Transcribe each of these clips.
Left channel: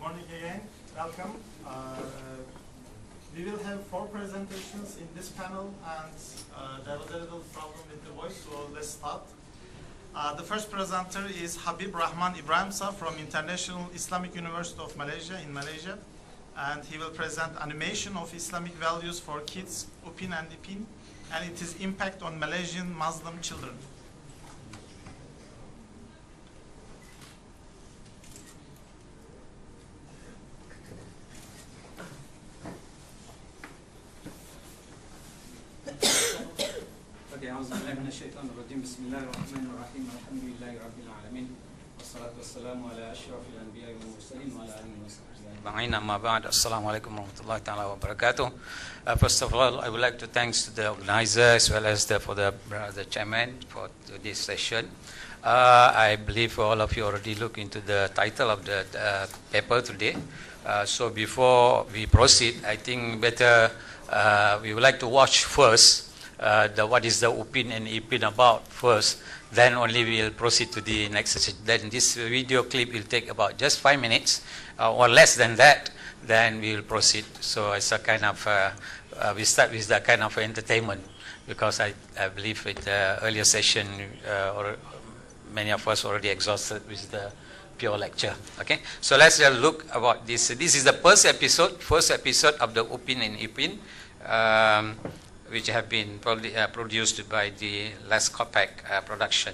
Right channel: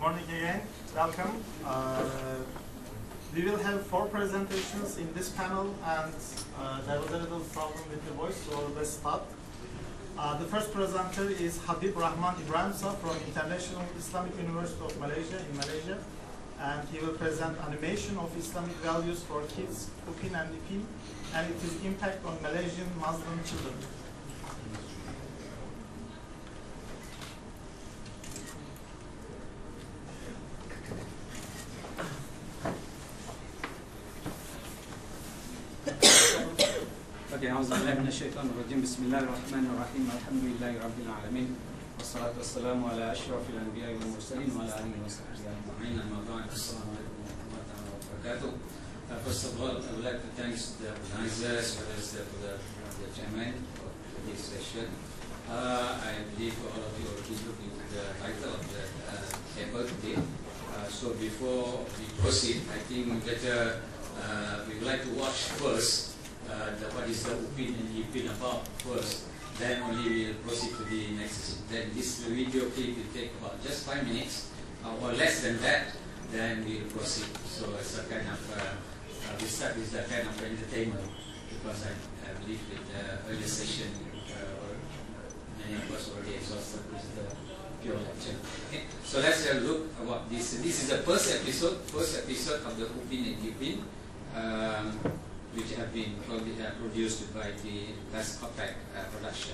morning again. Welcome. We will have 4 presentations in this panel, and there was a little problem with the voice, so let's start. The first presenter is Habeeb Rahman Ibramsa from International Islamic University of Malaysia in Malaysia, and he will present animation of Islamic values for kids, Upin and Ipin, and its impact on Malaysian Muslim children. أعوذ بالله من الشيطان الرجيم بسم الله الرحمن الرحيم الحمد لله رب العالمين والصلاة والسلام على أشرف الأنبياء والمرسلين وعلى آله وصحبه أجمعين أما بعد السلام عليكم ورحمة الله تعالى وبركاته. First of all, I would like to thanks to the organizer as well as the chairman for this session. I believe all of you already looked into the title of the paper today. So before we proceed, I think better we would like to watch first what is the Upin and Ipin about first, then only we will proceed to the next session. Then this video clip will take about just 5 minutes or less than that, then we will proceed. So it's a kind of, we start with that kind of entertainment, because I believe with the earlier session, or many of us already exhausted with the pure lecture. Okay, so let's look about this. This is the first episode of the Upin and Ipin, which have been produced by the Les Kopak production.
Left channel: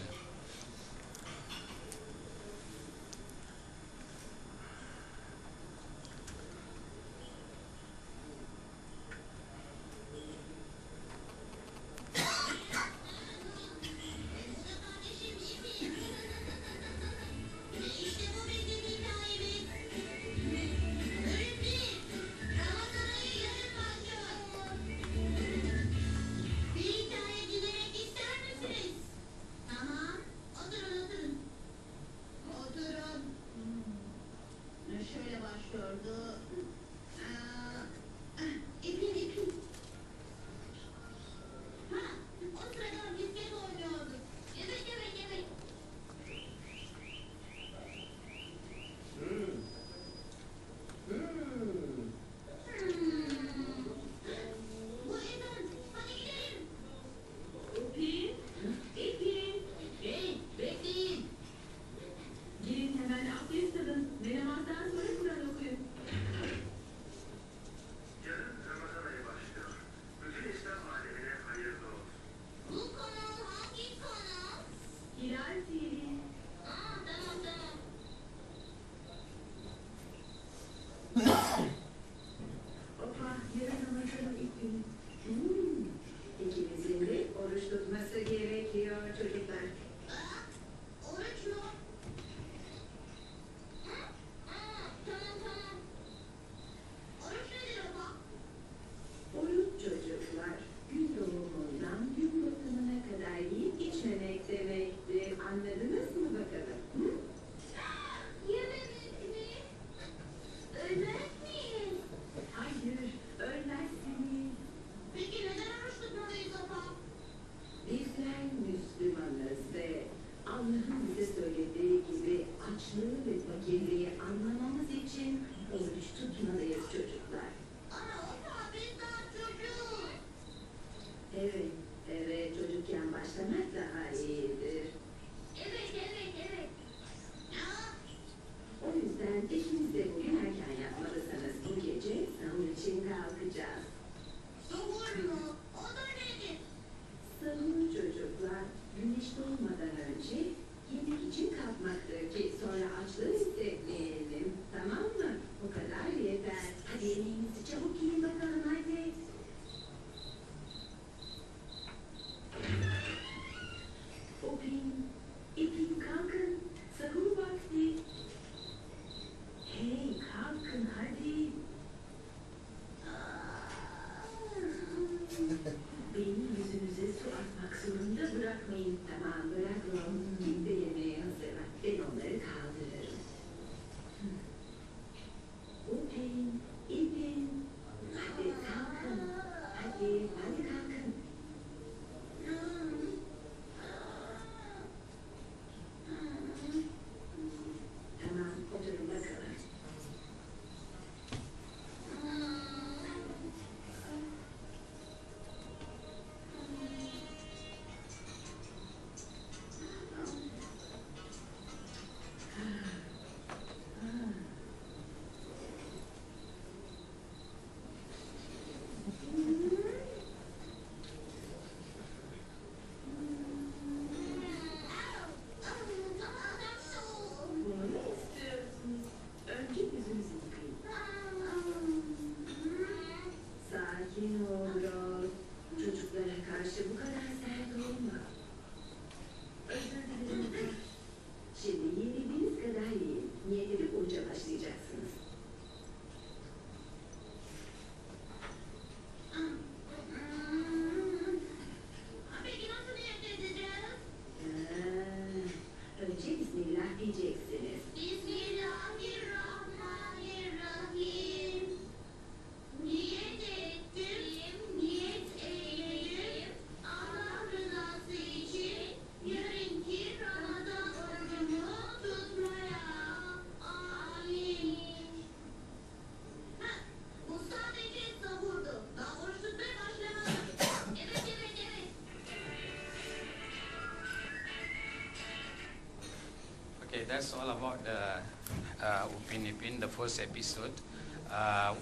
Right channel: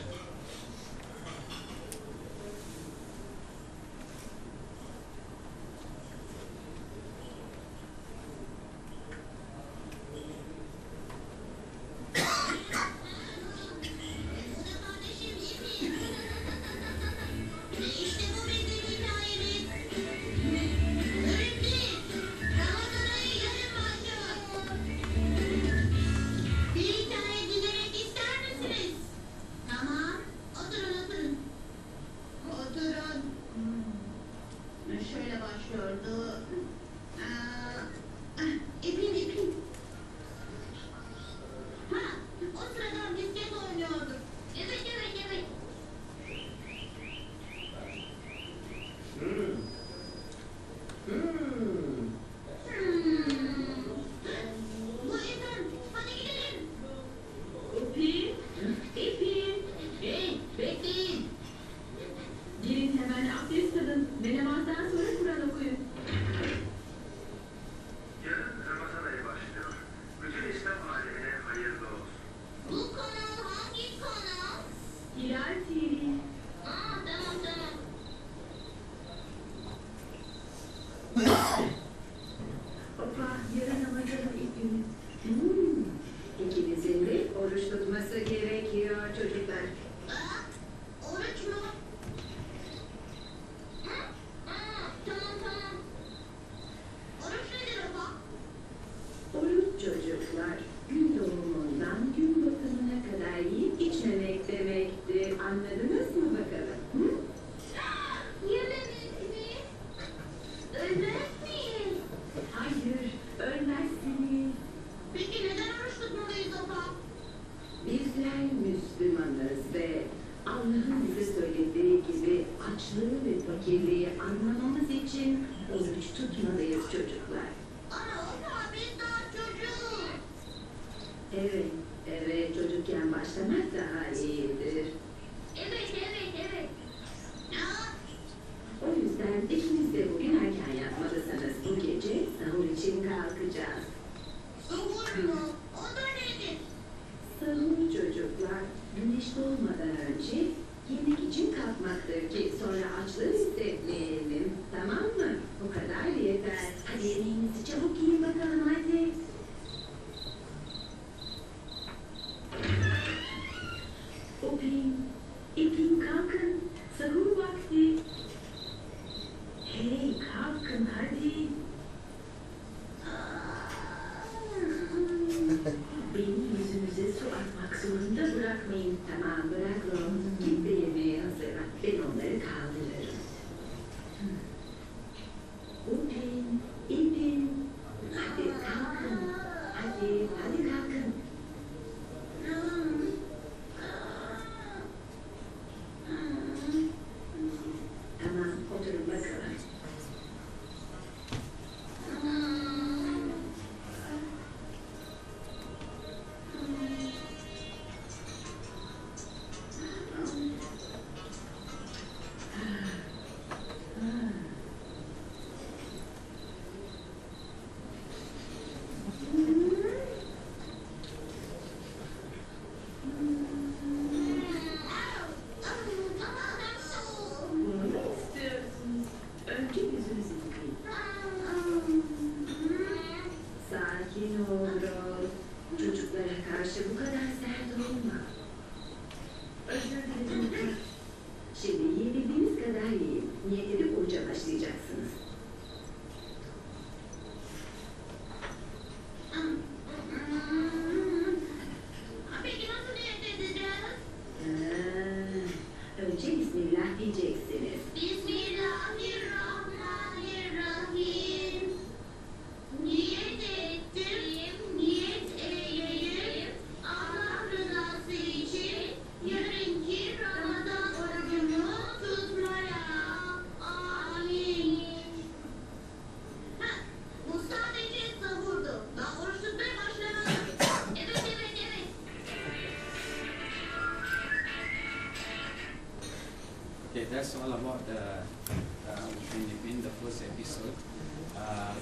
first episode,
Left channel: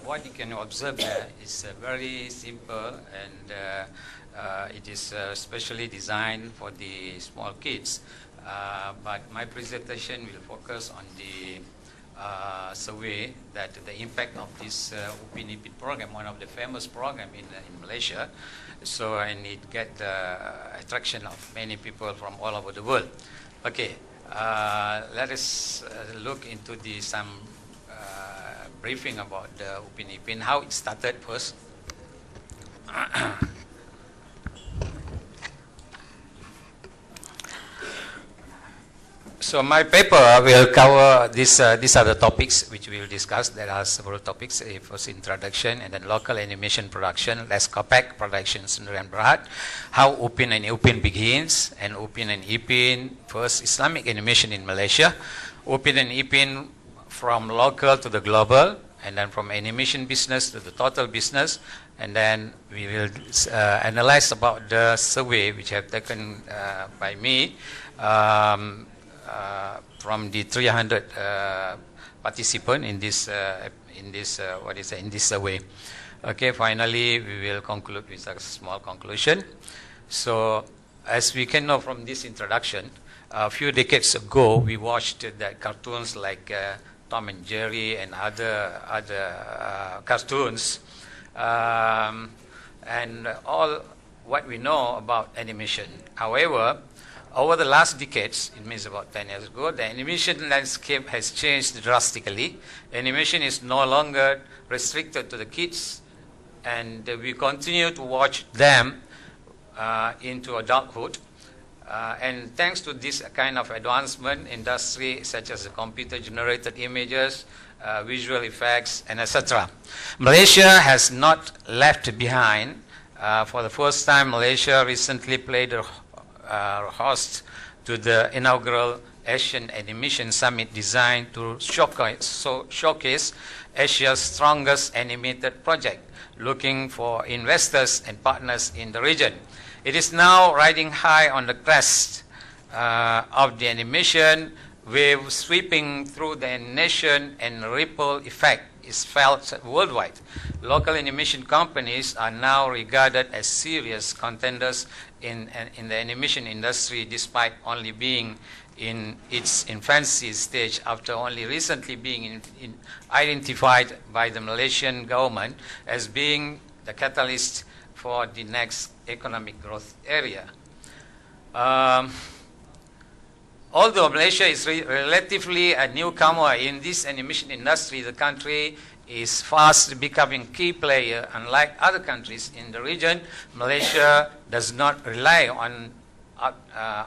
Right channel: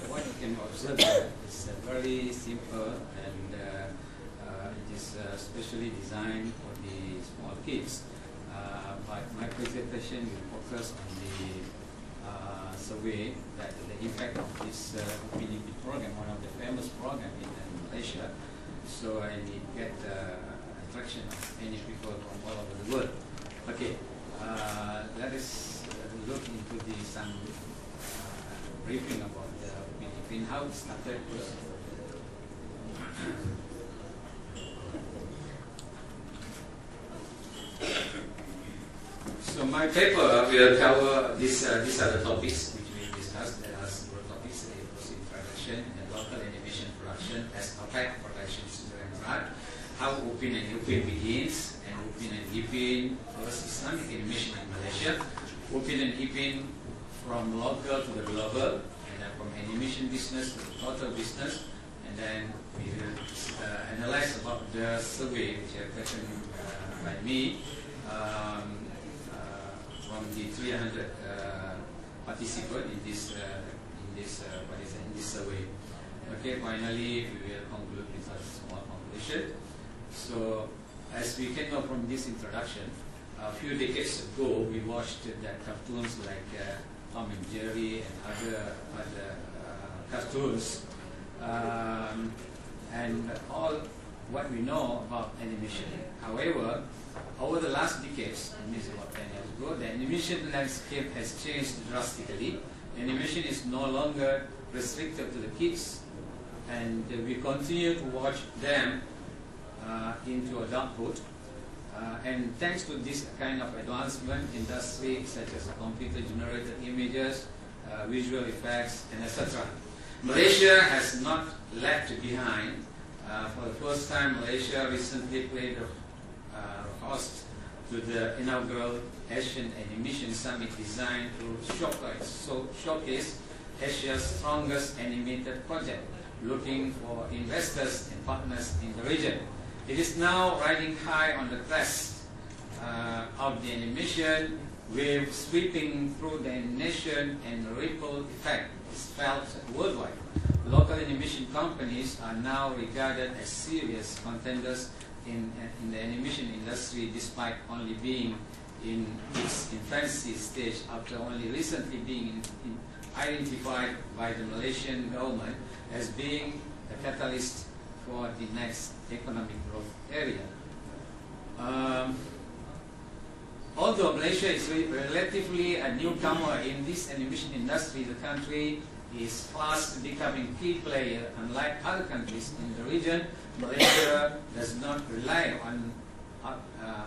what you can observe there is very simple, and it is specially designed for the small kids. But my presentation will focus on the survey that the impact of this Upin Ipin program, one of the famous program in Malaysia. So, and it get attraction of many people from all over the world. Okay, let us look into some briefing about the Upin Ipin, how it started first. So my paper will cover this. These are the topics which we will discuss. There are several topics. First, introduction, and then local animation production, less compact production, Sundar and Berat, how Upin and Ipin begins, and Upin and Ipin, first Islamic animation in Malaysia, Upin and Ipin from local to the global, and then from animation business to the total business, and then we will analyze about the survey which have taken by me. From the 300 participants in this survey. Okay, finally we will conclude with a small conclusion. So, as we can know from this introduction, a few decades ago we watched the cartoons like Tom and Jerry and other cartoons, and all what we know about animation. However, over the last decades, it means about 10 years ago, the animation landscape has changed drastically. Animation is no longer restricted to the kids, and we continue to watch them into adulthood. And thanks to this kind of advancement, industry such as computer-generated images, visual effects, and etc. Malaysia has not left behind. For the first time, Malaysia recently played a host to the inaugural Asian Animation Summit designed to showcase Asia's strongest animated project, looking for investors and partners in the region. It is now riding high on the crest of the animation wave sweeping through the nation, and ripple effect is felt worldwide. Local animation companies are now regarded as serious contenders in the animation industry, despite only being in its infancy stage, after only recently being identified by the Malaysian government as being the catalyst for the next economic growth area. Although Malaysia is relatively a newcomer in this animation industry, the country is fast becoming key player. Unlike other countries in the region, Malaysia does not rely on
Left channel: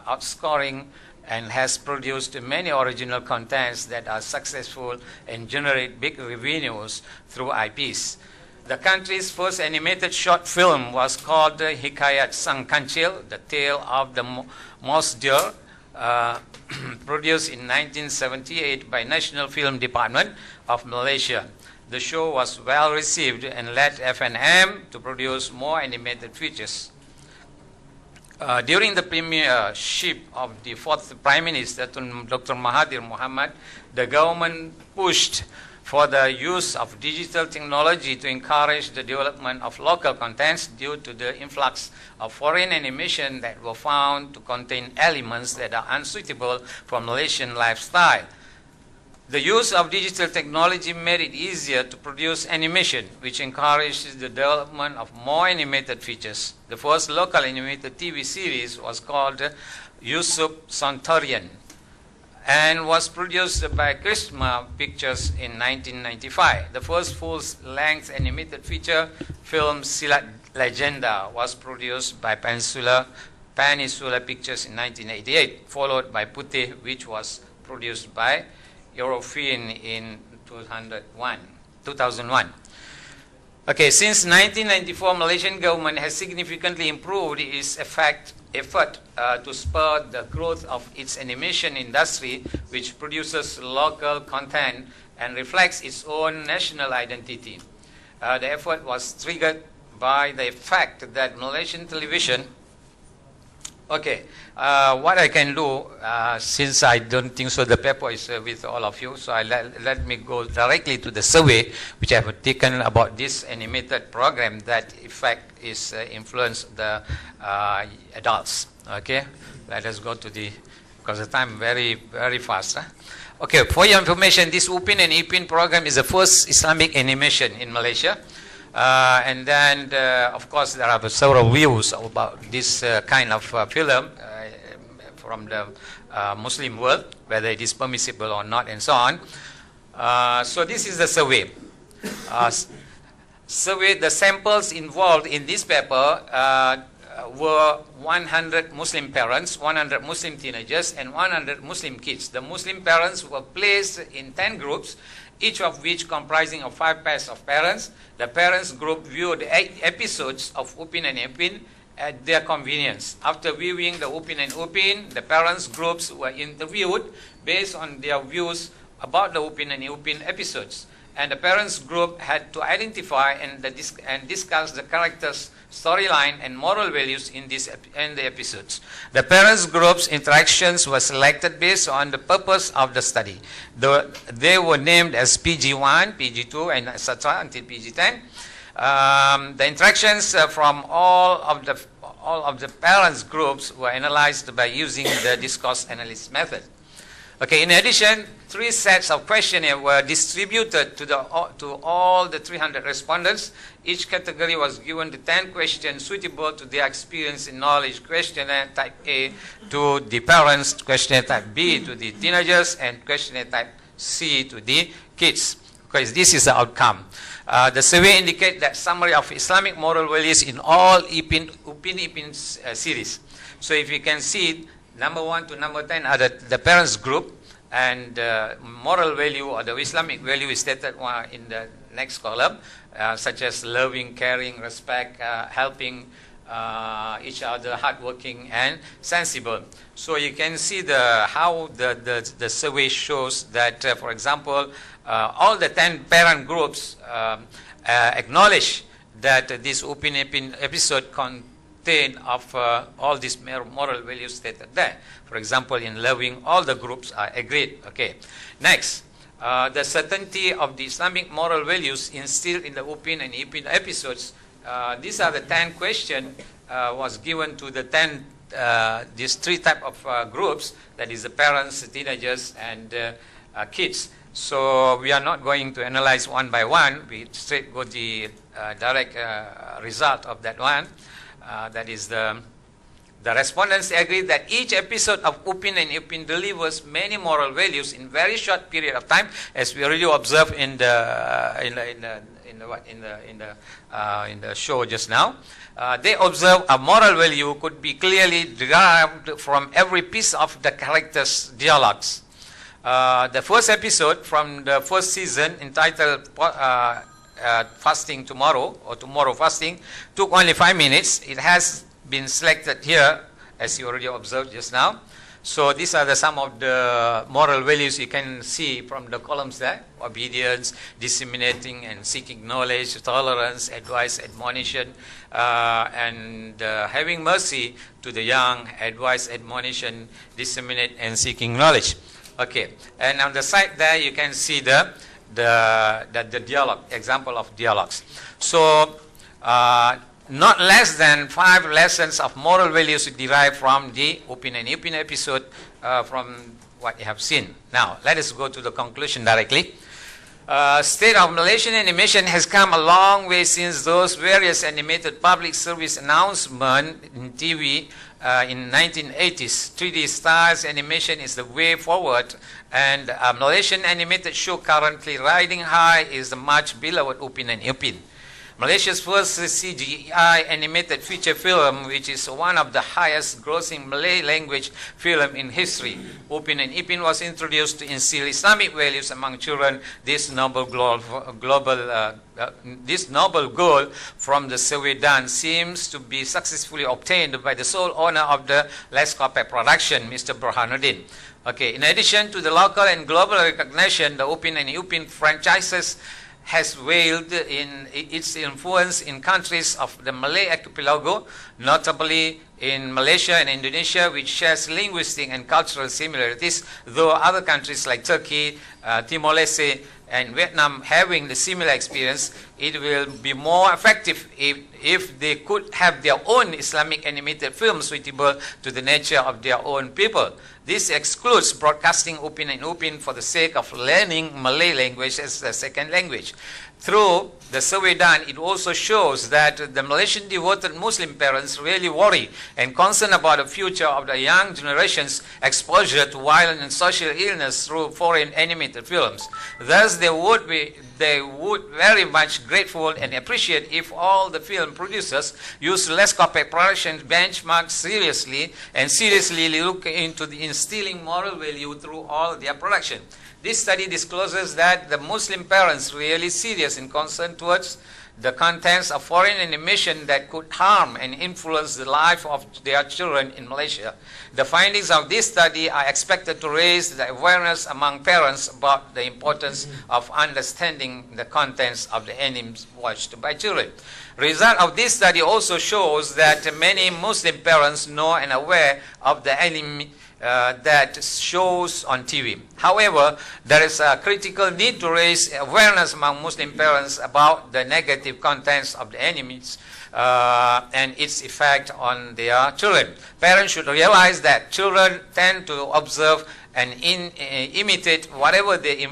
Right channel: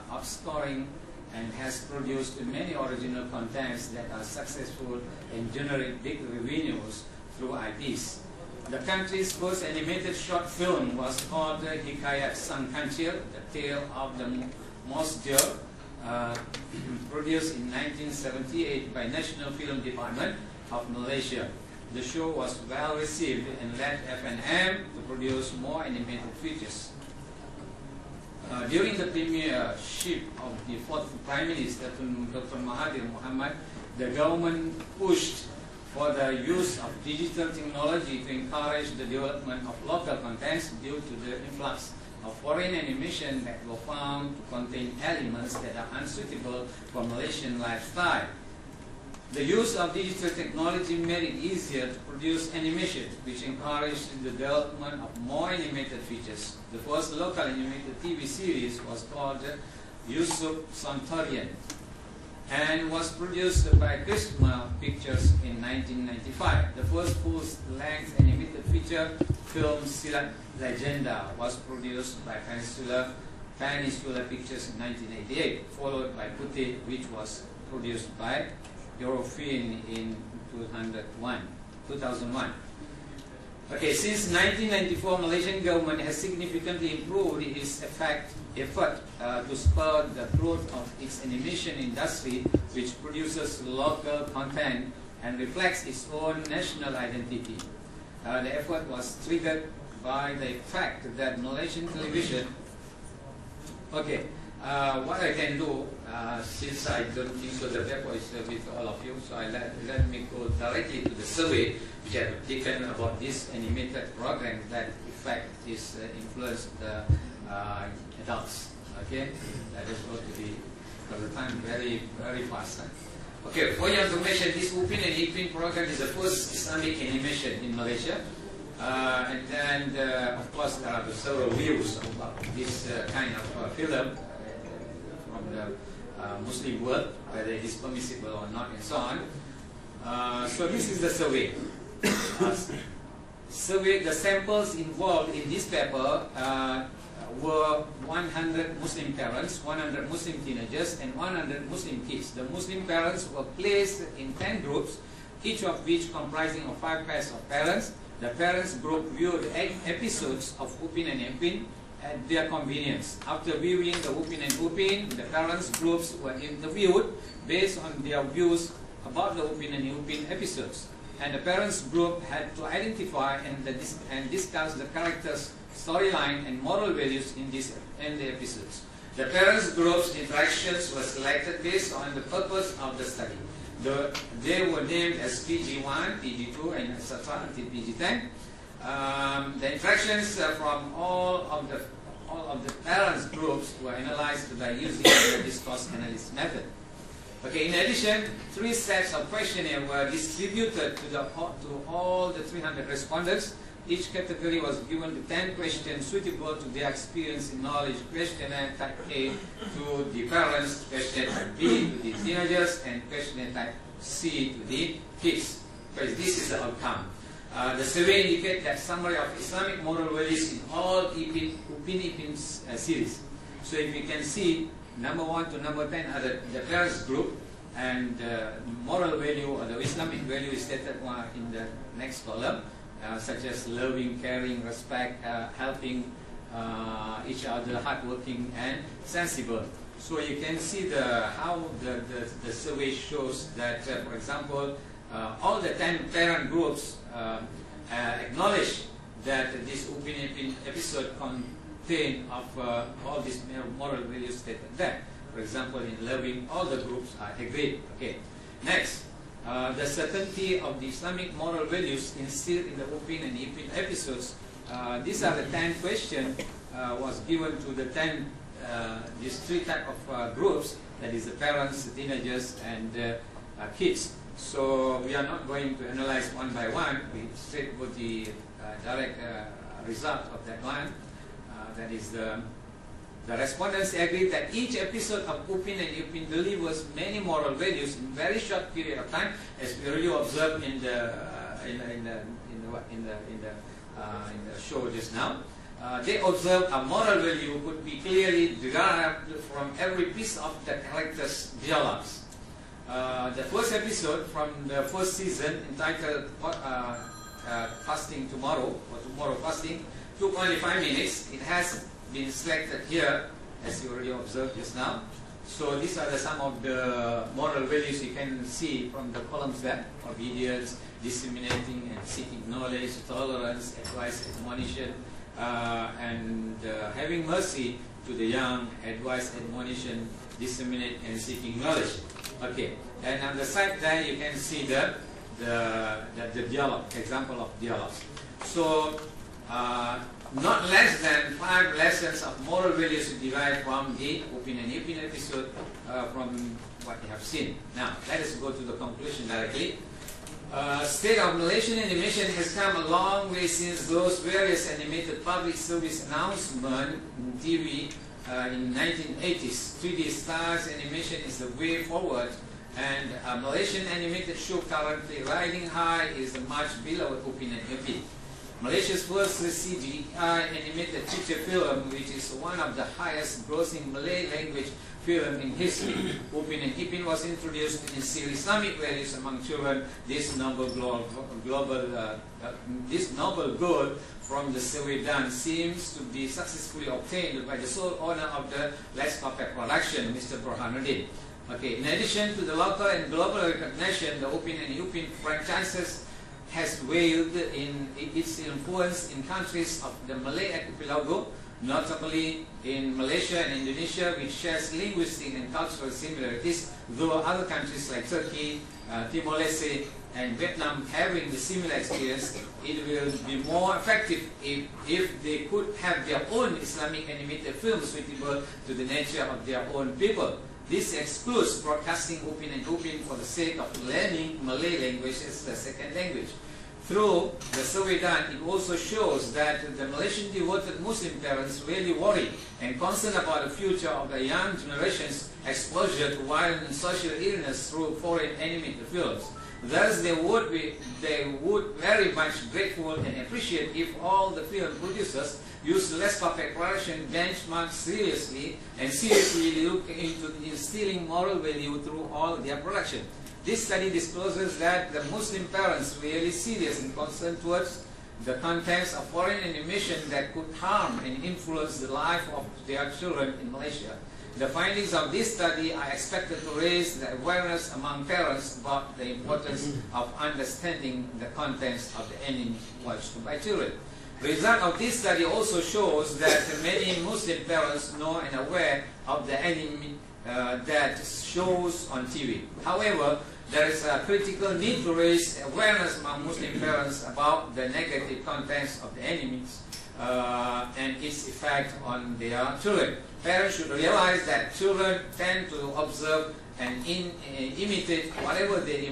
outscoring and has produced many original contents that are successful and generate big revenues through IPs. The country's first animated short film was called Hikayat Sang Kancil, The Tale of the Mouse Deer, produced in 1978 by National Film Department of Malaysia. The show was well received and led F&M to produce more animated features. During the premiership of the fourth Prime Minister, Dr. Mahathir Mohamad, the government pushed for the use of digital technology to encourage the development of local contents due to the influx of foreign animation that were found to contain elements that are unsuitable for Malaysian lifestyle. The use of digital technology made it easier to produce animation, which encouraged the development of more animated features. The first local animated TV series was called Yusuf Sontorian and was produced by Chrisma Pictures in 1995. The first full-length animated feature film, Silat Legenda, was produced by Peninsula Pictures in 1988, followed by Putih, which was produced by Eurofin in 2001. Okay, since 1994, Malaysian government has significantly improved its effort to spur the growth of its animation industry, which produces local content and reflects its own national identity. The effort was triggered by the fact that Malaysian television Okay, what I can do, since I don't think so the paper is with all of you, so let me go directly to the survey which I have taken about this animated program that in fact is influenced the adults. Okay, let us go to the, because the time very fast. Huh? Okay, for your information, this Upin and Ipin program is the first Islamic animation in Malaysia. And then, of course, there are several views about this kind of film from the Muslim world, whether it is permissible or not, and so on. So this is the survey. The samples involved in this paper were 100 Muslim parents, 100 Muslim teenagers, and 100 Muslim kids. The Muslim parents were placed in 10 groups, each of which comprising of 5 pairs of parents. The parents group viewed 8 episodes of Upin and Ipin at their convenience. After viewing the Upin and Ipin, the parents groups were interviewed based on their views about the Upin and Ipin episodes. And the parents group had to identify and discuss the characters, storyline, and moral values in the episodes. The parents group's interactions were selected based on the purpose of the study. They were named as PG1, PG2, and etc. until PG10. The interactions from all of the parents groups were analyzed by using the discourse analysis method. Okay. In addition, 3 sets of questionnaires were distributed to all the 300 respondents. Each category was given the 10 questions suitable to their experience and knowledge. Questionnaire type A to the parents, questionnaire type B to the teenagers, and questionnaire type C to the kids. Because this is the outcome. The survey indicates that summary of Islamic moral values in all Upin series. So if you can see, number 1 to number 10 are the parents group, and moral value or the Islamic value is stated in the next column. Such as loving, caring, respect, helping each other, hardworking, and sensible. So you can see how the survey shows that, for example, all the 10 parent groups acknowledge that this Upin Ipin episode contained of all these moral values stated there. For example, in loving, all the groups are agreed. Okay. Next. The certainty of the Islamic moral values instilled in the Upin and Ipin episodes. These are the 10 questions was given to the 10, these 3 type of groups, that is the parents, the teenagers, and kids. So we are not going to analyze one by one. We straight go the direct result of that one. That is the respondents agree that each episode of Upin and Ipin delivers many moral values in very short period of time, as we already observed in the show just now. They observe a moral value could be clearly derived from every piece of the characters' dialogues. The first episode from the first season, entitled Fasting Tomorrow, or Tomorrow Fasting, took only 5 minutes. It has been selected here, as you already observed just now. So these are some of the moral values you can see from the columns there: obedience, disseminating and seeking knowledge, tolerance, advice, admonition, and having mercy to the young, advice, admonition, disseminate, and seeking knowledge. Okay, and on the side there you can see the dialogue, example of dialogues. So not less than 5 lessons of moral values derived from the Upin and Ipin episode from what you have seen. Now, let us go to the conclusion directly. State of Malaysian animation has come a long way since those various animated public service announcements in TV in 1980s. 3D styles animation is the way forward, and a Malaysian animated show currently riding high is the much beloved Upin and Ipin. Malaysia's first CGI animated feature film, which is one of the highest grossing Malay language film in history. Upin and Ipin was introduced to instill Islamic values among children. This noble goal from the survey done seems to be successfully obtained by the sole owner of the Leskope production, Mr. Burhanuddin. Okay, in addition to the local and global recognition, the Upin and Ipin franchises has wailed in its influence in countries of the Malay archipelago, notably in Malaysia and Indonesia, which shares linguistic and cultural similarities, though other countries like Turkey, Timor-Leste, and Vietnam having the similar experience. It will be more effective if they could have their own Islamic animated films suitable to the nature of their own people. This excludes broadcasting Upin and Ipin for the sake of learning Malay language as a second language. Through the survey done, it also shows that the Malaysian devoted Muslim parents really worry and concerned about the future of the young generation's exposure to violent and social illness through foreign animated films. Thus, they would very much grateful and appreciate if all the film producers use less copy production benchmarks seriously and seriously look into the instilling moral value through all their production. This study discloses that the Muslim parents are really serious and concerned towards the contents of foreign animation that could harm and influence the life of their children in Malaysia. The findings of this study are expected to raise the awareness among parents about the importance of understanding the contents of the animes watched by children. Result of this study also shows that many Muslim parents know and aware of the anime that shows on TV. However, there is a critical need to raise awareness among Muslim parents about the negative contents of the animes and its effect on their children. Parents should realize that children tend to observe and imitate whatever they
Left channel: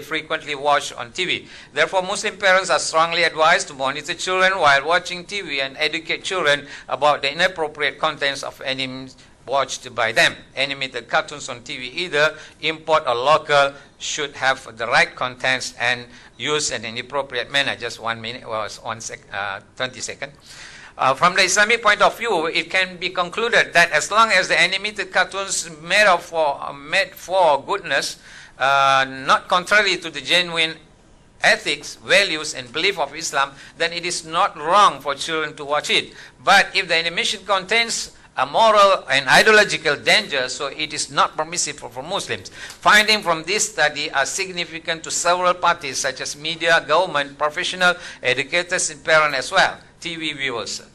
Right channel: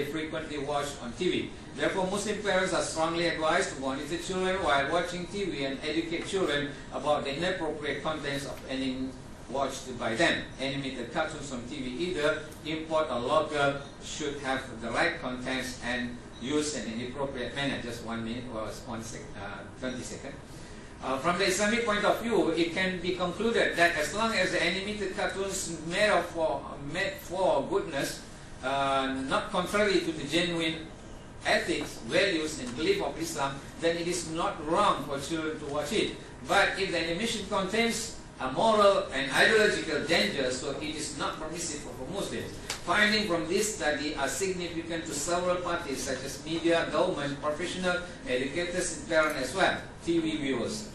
frequently watch on TV. Therefore, Muslim parents are strongly advised to monitor children while watching TV and educate children about the inappropriate contents of animes watched by them. Animated cartoons on TV, either import or local, should have the right contents and used in an appropriate manner. Just 1 minute or 20 seconds. From the Islamic point of view, it can be concluded that as long as the animated cartoons made for goodness, not contrary to the genuine ethics, values, and belief of Islam, then it is not wrong for children to watch it. But if the animation contains a moral and ideological danger, so it is not permissible for Muslims. Findings from this study are significant to several parties such as media, government, professional, educators, and parents as well, TV viewers.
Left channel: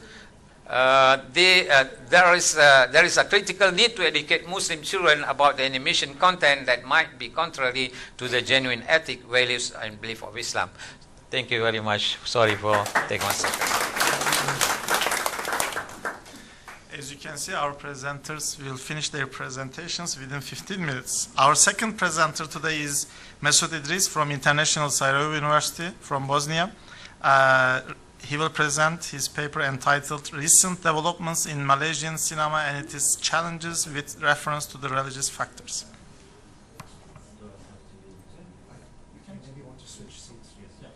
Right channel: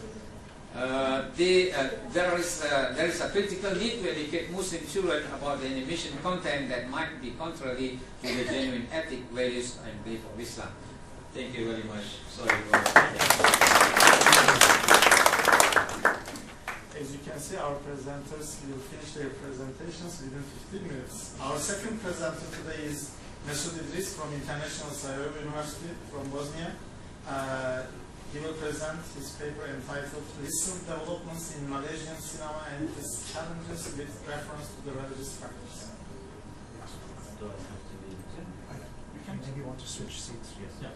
There is a critical need to educate Muslim children about the animation content that might be contrary to the genuine ethic, values, and belief of Islam. Thank you very much. Sorry for taking As you can see, our presenters will finish their presentations within 15 minutes. Our second presenter today is Mesut Idriz from International Sarajevo University from Bosnia. He will present his paper entitled Recent Developments in Malaysian Cinema and its Challenges with reference to the religious factors. Maybe you want to switch seats? Yes. Yeah.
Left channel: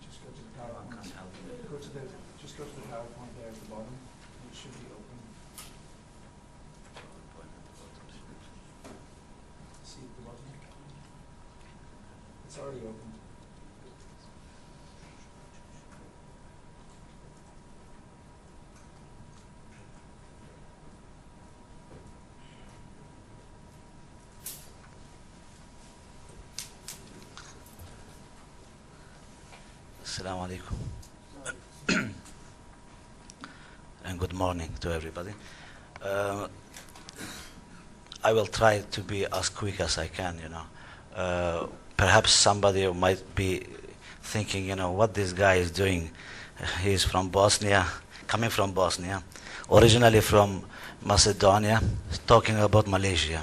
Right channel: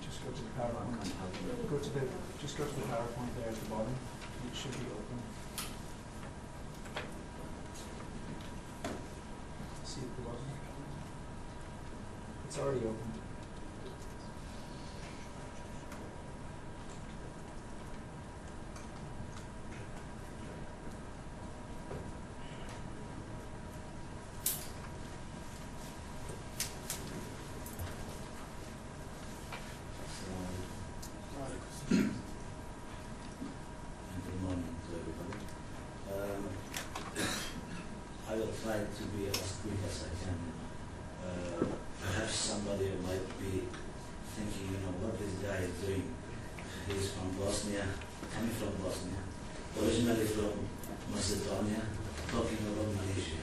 Just go to the PowerPoint. Just go to the PowerPoint there at the bottom. It should be open. See at the bottom? It's already open. Assalamu alaikum. And good morning to everybody. I will try to be as quick as I can, Perhaps somebody might be thinking, what this guy is doing. He's from Bosnia, coming from Bosnia, originally from Macedonia, talking about Malaysia.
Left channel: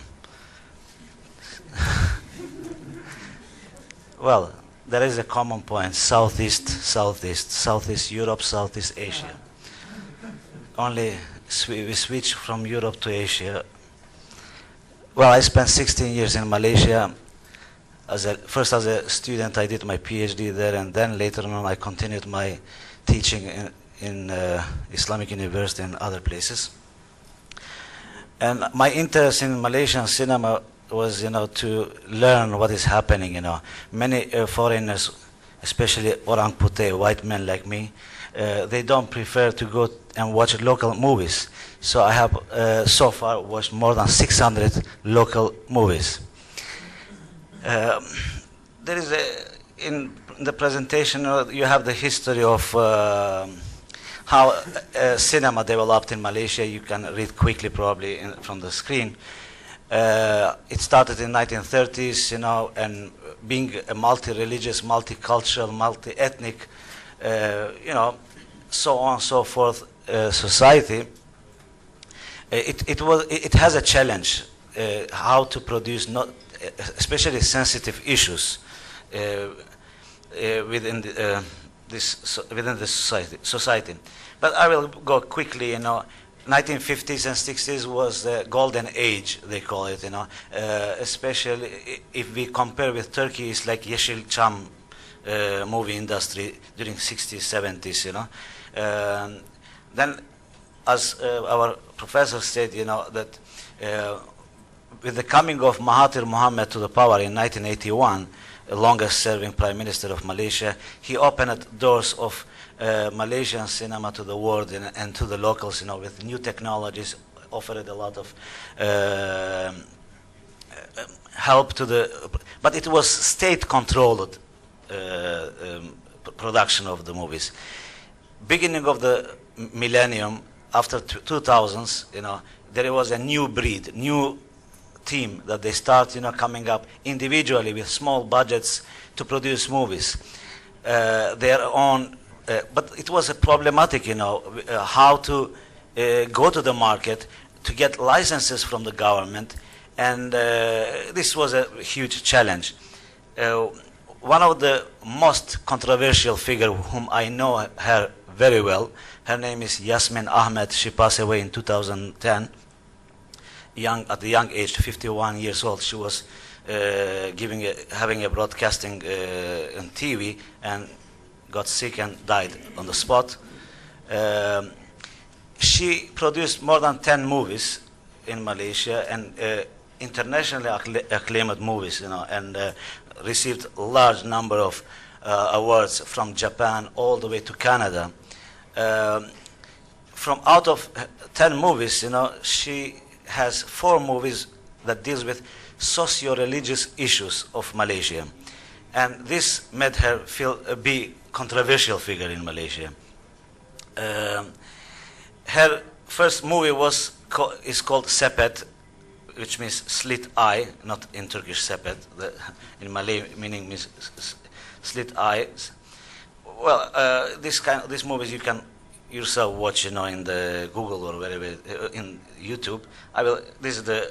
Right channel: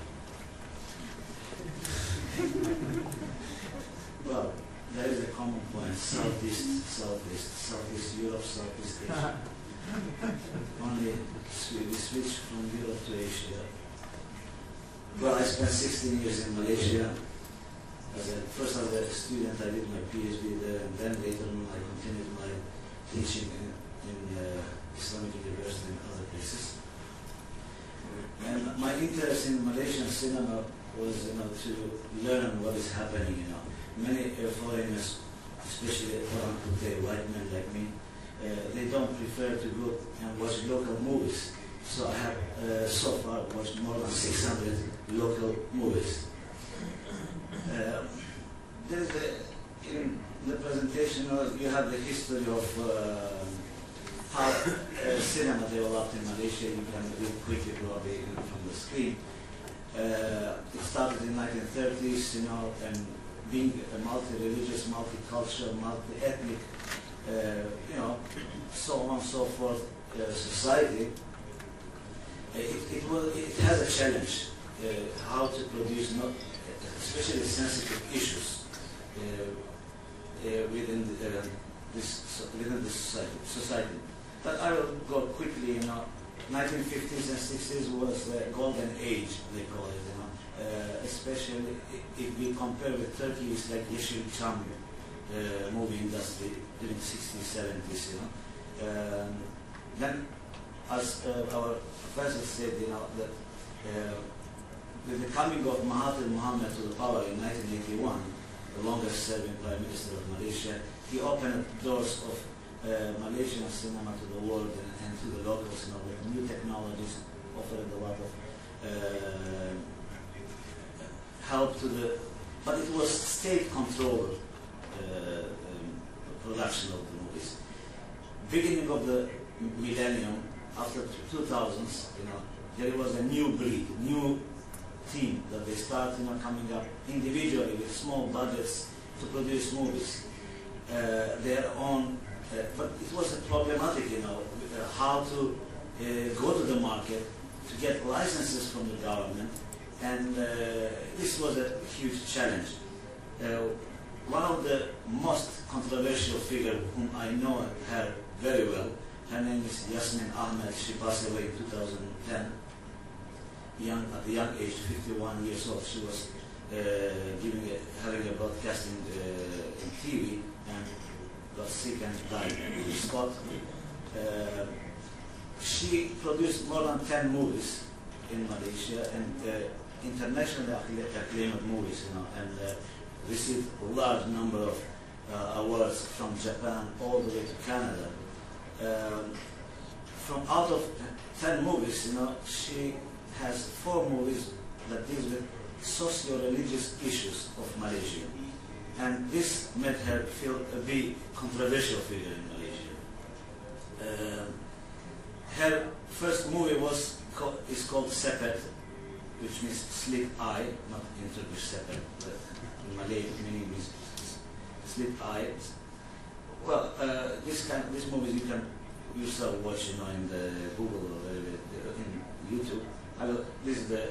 Well, there is a common point: Southeast Europe, Southeast Asia. Only we switch from Europe to Asia. Well, I spent 16 years in Malaysia. First as a student, I did my PhD there, and then later on I continued my teaching in Islamic University and other places. And my interest in Malaysian cinema was, to learn what is happening. Many foreigners especially orang putih, white men like me, they don't prefer to go and watch local movies. So I have so far watched more than 600 local movies. There is in the presentation you have the history of how cinema developed in Malaysia. You can read quickly probably from the screen. It started in 1930s, you know, and being a multi-religious, multicultural, multi-ethnic, you know, so on and so forth society. It has a challenge how to produce not especially sensitive issues within the society. But I will go quickly. You know, 1950s and 60s was the golden age, they call it. You know, especially if we compare with Turkey, it's like Yeşilçam movie industry during 60s, 70s. You know, then as our professor said, you know, that with the coming of Mahathir Mohamad to the power in 1981, the longest serving Prime Minister of Malaysia, he opened doors of Malaysian cinema to the world and to the locals, you know, with new technologies, offered a lot of help to the, but it was state-controlled production of the movies. Beginning of the millennium, after 2000s, you know, there was a new breed, new team that they start, you know, coming up individually with small budgets to produce movies, their own. But it was a problematic, you know, how to go to the market to get licenses from the government, and this was a huge challenge. One of the most controversial figure whom I know her very well, her name is Yasmin Ahmed. She passed away in 2010. At the young age, 51 years old, she was having a broadcasting on TV and got sick and died on the spot. She produced more than 10 movies in Malaysia and internationally acclaimed movies, you know, and received a large number of awards from Japan all the way to Canada. From out of 10 movies, you know, she has 4 movies that deals with socio-religious issues of Malaysia, and this made her feel a big controversial figure in Malaysia. Her first movie is called Sepet, which means slit eye, not in Turkish sepet, in Malay meaning means slit eyes. Well, these movies you can yourself watch, you know, in the Google or wherever, in YouTube. This is the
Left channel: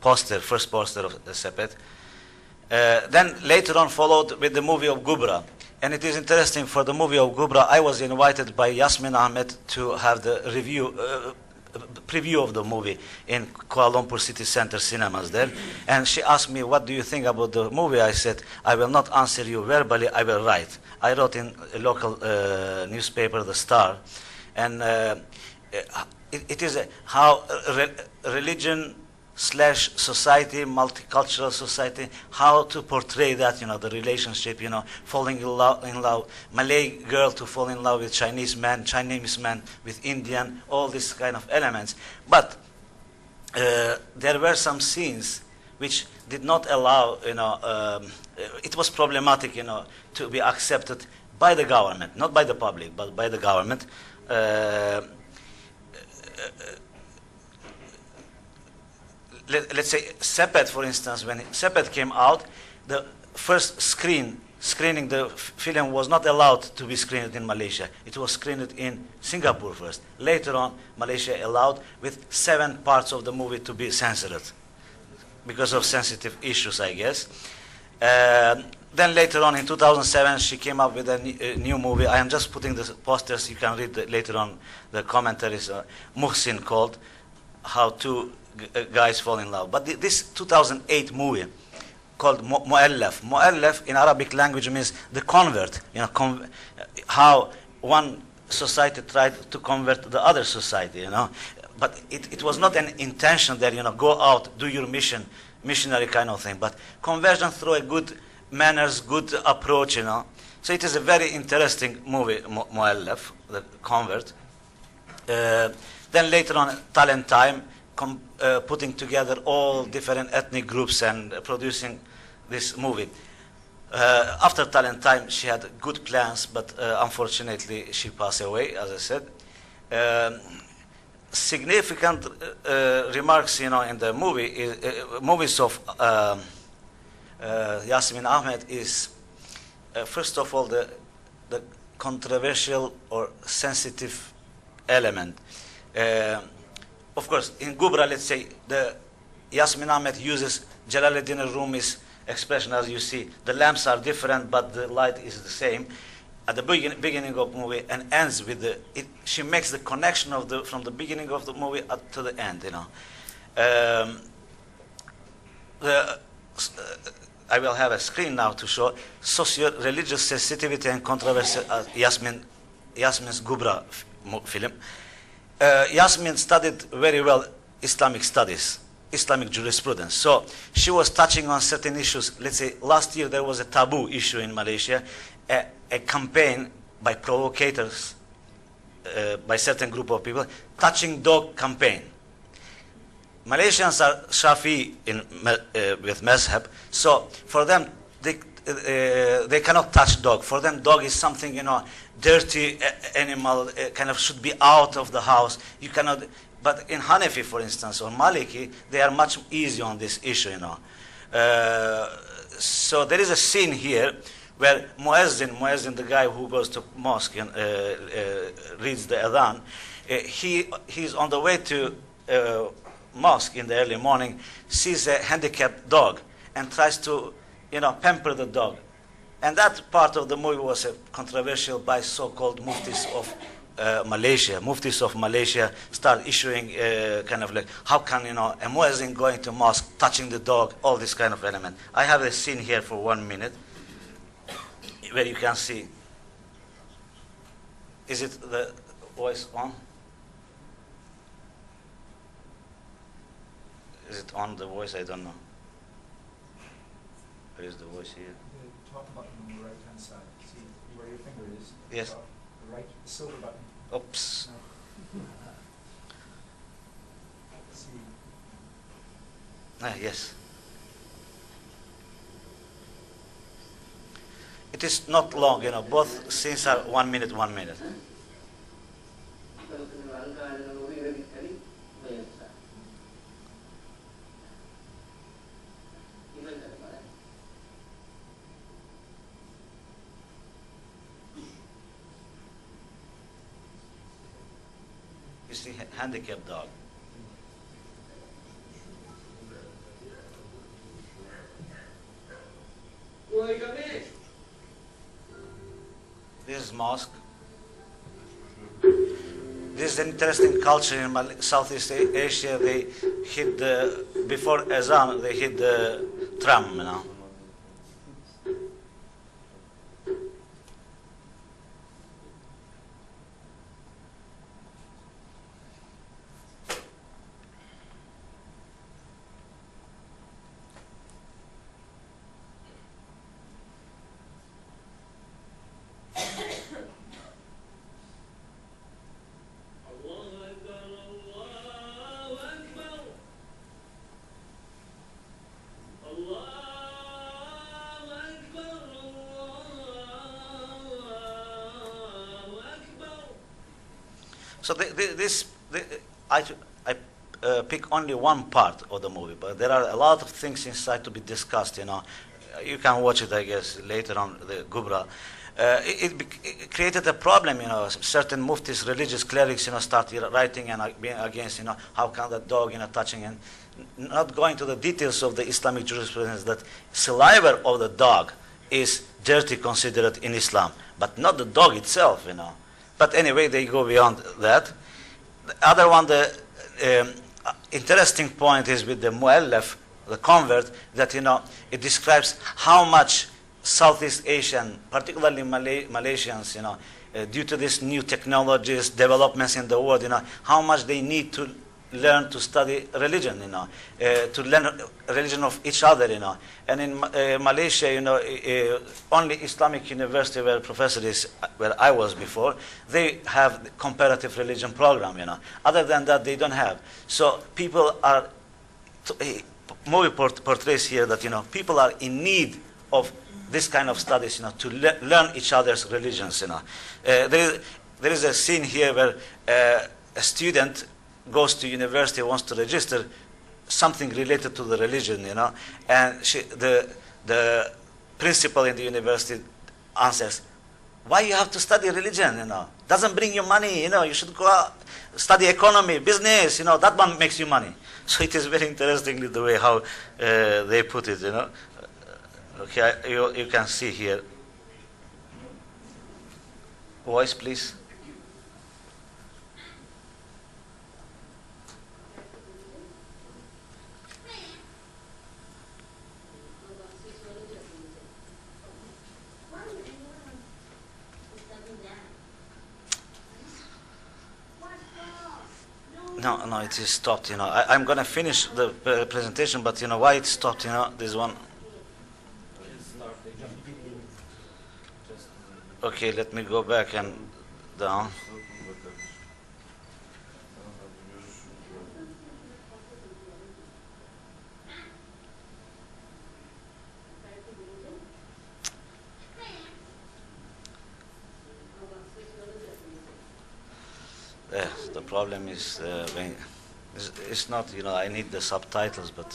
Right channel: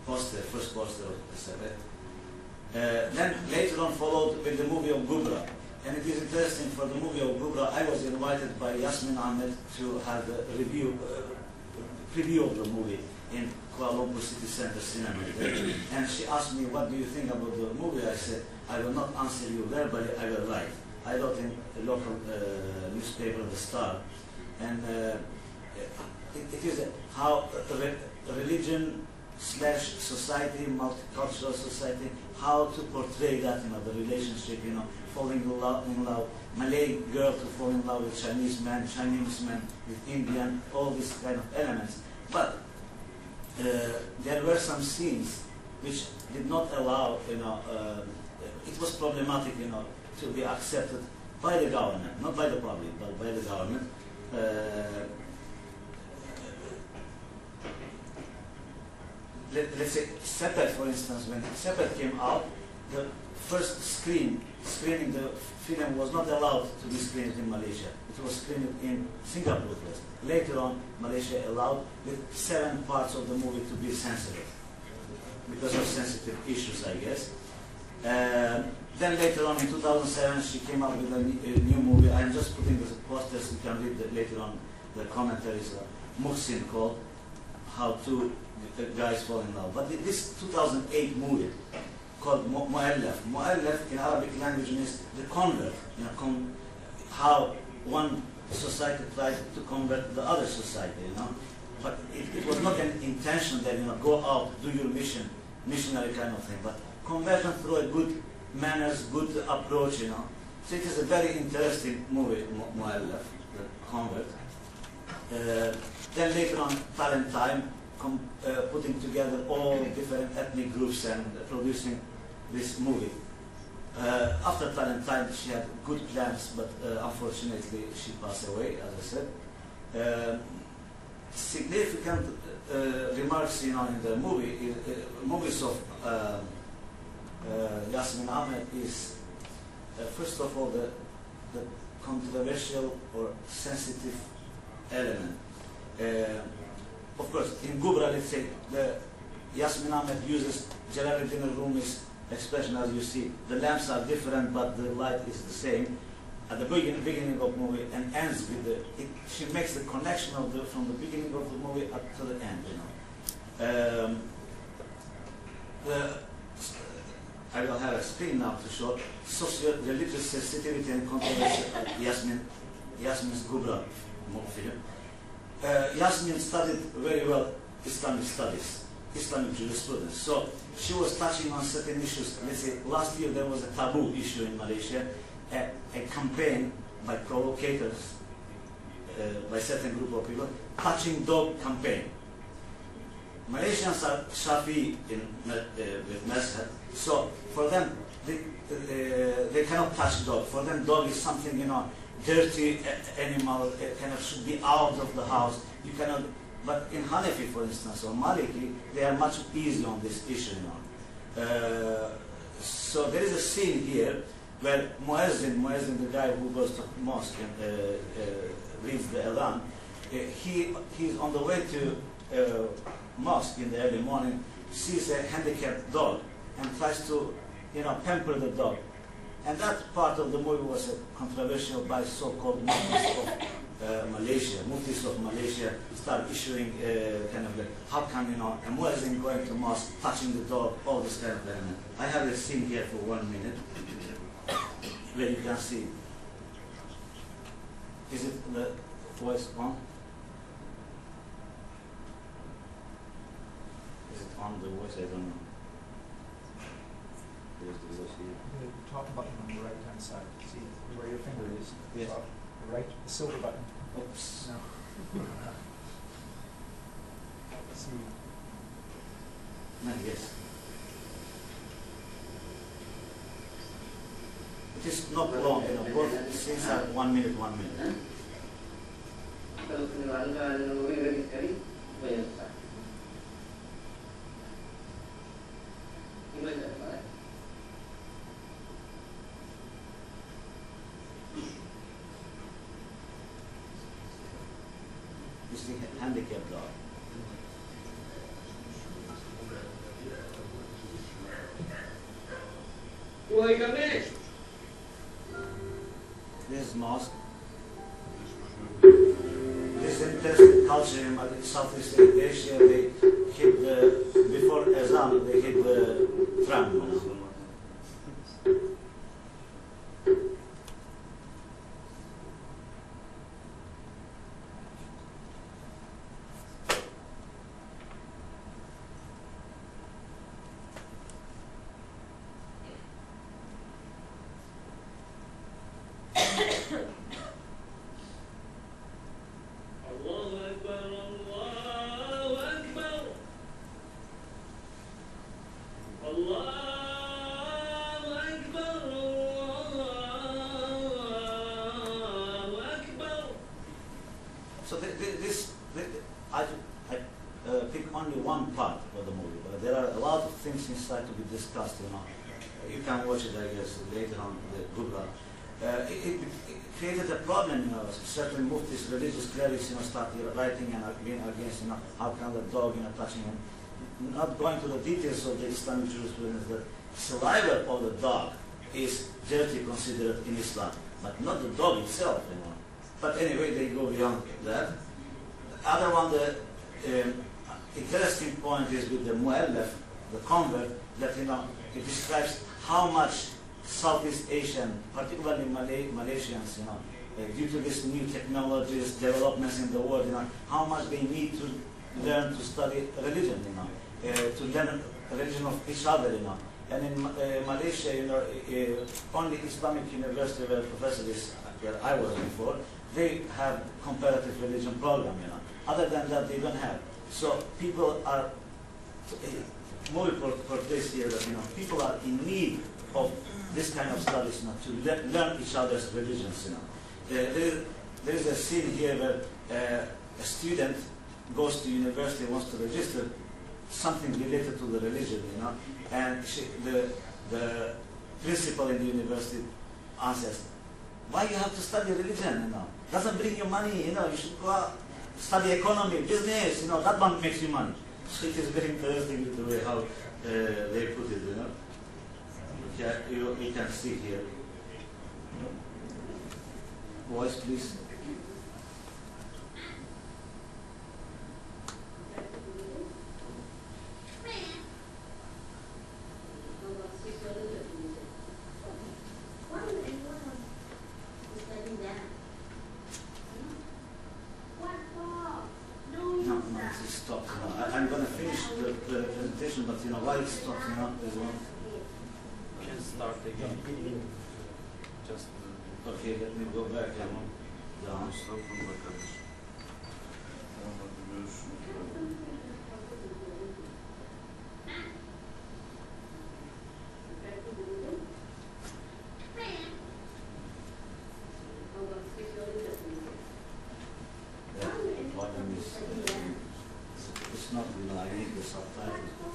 first poster of the Sepet. Then later on followed with the movie of Gubra. And it is interesting, for the movie of Gubra, I was invited by Yasmin Ahmed to have the preview of the movie in Kuala Lumpur City Center cinemas there. And she asked me, what do you think about the movie? I said, I will not answer you verbally, I will write. I wrote in a local newspaper, The Star. And it is how religion / society, multicultural society, how to portray that, you know, the relationship, you know, falling in love, Malay girl to fall in love with Chinese man with Indian, all these kind of elements. But there were some scenes which did not allow, you know, it was problematic, you know, to be accepted by the government, not by the public, but by the government. Let's say Sepet, for instance, when Sepet came out, the first screening the film was not allowed to be screened in Malaysia. It was screened in Singapore first. Later on, Malaysia allowed with 7 parts of the movie to be censored because of sensitive issues, I guess. Then later on in 2007, she came up with a new movie. I am just putting the posters. You can read later on the commentaries. Muhsin called How Two Guys Fall in Love. But this 2008 movie called Mu'allaf. Mu'allaf in Arabic language means the convert. You know, how one society tried to convert the other society. You know, but it was not an intention that, you know, go out, do your missionary kind of thing. But conversion through a good manners, good approach, you know. So it is a very interesting movie, Mu'allaf, the convert. Then later on, Talent Time, putting together all different ethnic groups and producing this movie. After Talent Time, she had good plans, but unfortunately, she passed away, as I said. Significant remarks, you know, in the movie, movies of Yasmin Ahmed is, first of all, the controversial or sensitive element. Of course, in Gubra, let's say, the Yasmin Ahmed uses Jalaluddin Rumi's expression, as you see. The lamps are different, but the light is the same. At the beginning of the movie and ends with she makes the connection of from the beginning of the movie up to the end, you know. I will have a screen now to show socio-religious sensitivity and controversy. Yasmin's Gubra film. Yasmin studied very well Islamic studies, Islamic jurisprudence. So she was touching on certain issues. Let's say last year there was a taboo issue in Malaysia, a campaign by provocators, by certain group of people, touching dog campaign. Malaysians are Shafi with Mazhab, so for them they cannot touch dog. For them, dog is something, you know, dirty animal, kind of should be out of the house. You cannot. But in Hanafi, for instance, or Maliki, they are much easier on this issue, you know. So there is a scene here where Muezzin, the guy who goes to mosque and reads the adhan, he's on the way to mosque in the early morning, sees a handicapped dog and tries to, you know, pamper the dog. And that part of the movie was controversial by so-called muftis of Malaysia. Muftis of Malaysia start issuing kind of like, how can, you know, a muezzin going to mosque, touching the dog, all this kind of element. I have a scene here for 1 minute where you can see. Is it the voice on? Is it on the voice? I don't know. Where is the voice here? The top button on the right hand side. See where your finger is? Yes. Top, the right, the silver button. Oops. No. See. Yes. It is not long, you know, both scenes are 1 minute, 1 minute. You see, handicapped dog. This is mosque. This is an interesting culture in Southeast Asia. They hit before Azan, they hit the tram, you know. So I pick only one part of the movie, but there are a lot of things inside to be discussed, you know. You can watch it, I guess, later on, the Gubra. It created a problem, you know. Certain muftis, religious clerics, you know, started writing and being against, you know, how can the dog, you know, touching, and not going to the details of the Islamic jurisprudence that saliva of the dog is dirty considered in Islam, but not the dog itself, you know. But anyway, they go beyond that. The other one, the interesting point is with the mu'allaf, the convert, that, you know, it describes how much Southeast Asian, particularly Malaysians, you know, due to these new technologies, developments in the world, you know, how much they need to learn to study religion, to learn religion of each other, And in Malaysia, only Islamic university where professor is, where I was before, they have the comparative religion program, Other than that, they don't have. So people are, movie portrays here that, people are in need of this kind of studies, to learn each other's religions, There is a scene here where a student goes to university, wants to register something related to the religion, and the principal in the university answers, why you have to study religion, Doesn't bring you money, you should go out, study economy, business, that one makes you money. So it is very interesting the way how they put it, Okay, you can see here. Voice, please. No, it is stopped, I'm going to finish the presentation, but why it stopped, this one. Okay, let me go back and down. The problem is it's not, I need the subtitles, but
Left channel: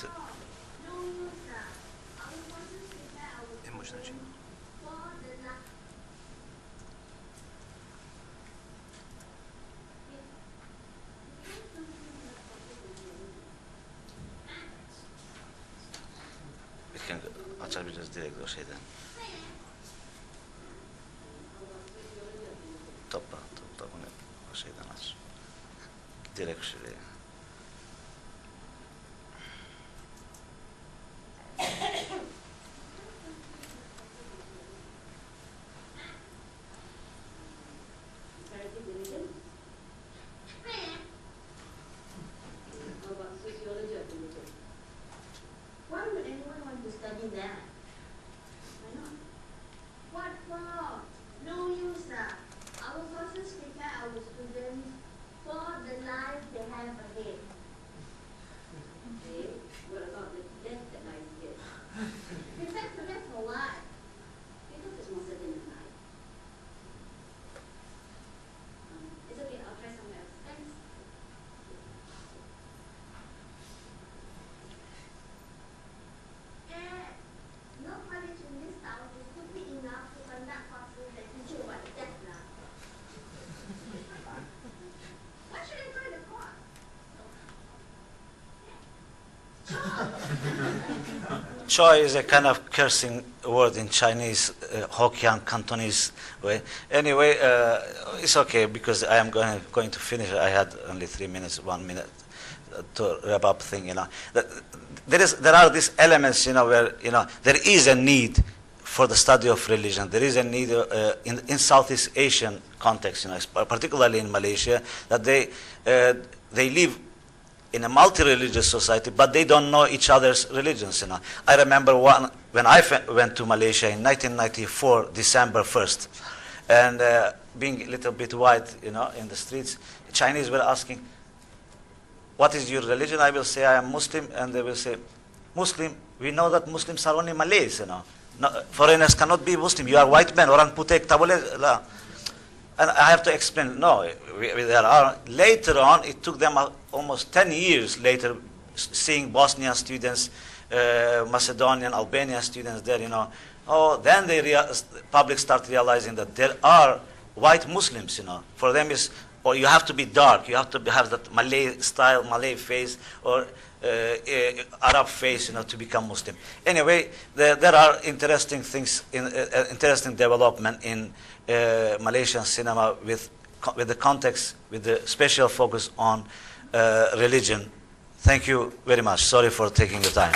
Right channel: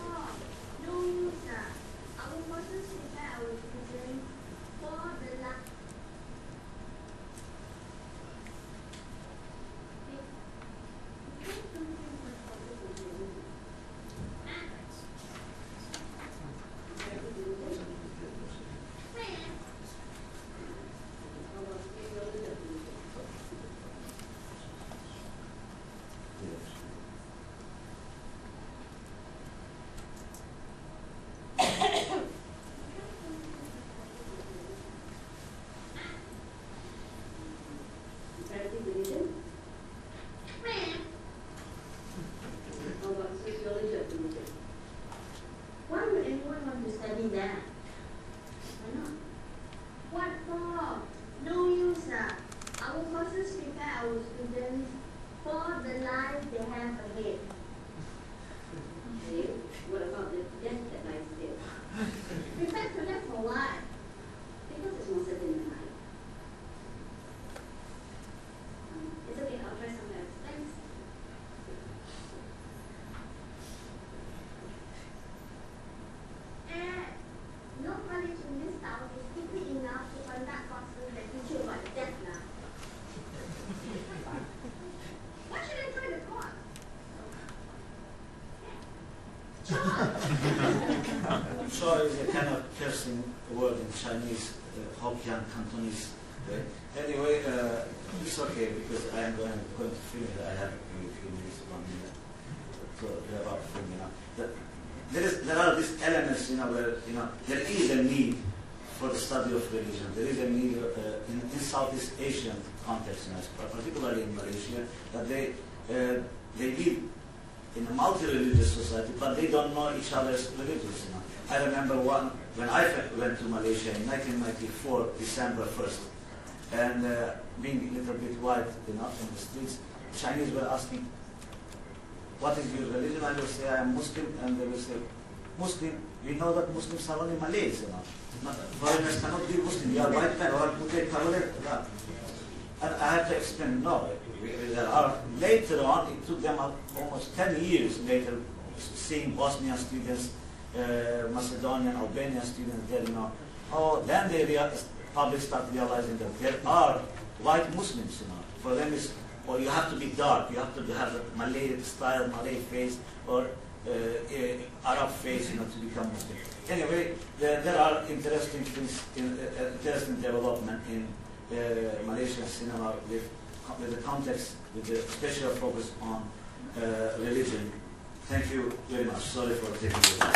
Choi is a kind of cursing word in Chinese, Hokkien, Cantonese way. Anyway, it's okay because I am going to finish. I had only 3 minutes, 1 minute to wrap up thing. There are these elements, where there is a need for the study of religion. There is a need in Southeast Asian context, particularly in Malaysia, that they live in a multi-religious society, but they don't know each other's religions. I remember when I went to Malaysia in 1994, December 1st, and being a little bit white, in the streets, Chinese were asking, "What is your religion?" I will say, "I am Muslim," and they will say, "Muslim? We know that Muslims are only Malays, foreigners cannot be Muslim. You are white man, orang putih tak boleh." And I have to explain, no, there are. Later on, it took them almost 10 years later, seeing Bosnian students, Macedonian, Albanian students there, then public start realizing that there are white Muslims, For them or you have to be dark, you have to have that Malay style, Malay face, or Arab face, to become Muslim. Anyway, there are interesting things, interesting development in Malaysian cinema with the context, with the special focus on religion. Thank you very much. Sorry for taking the time.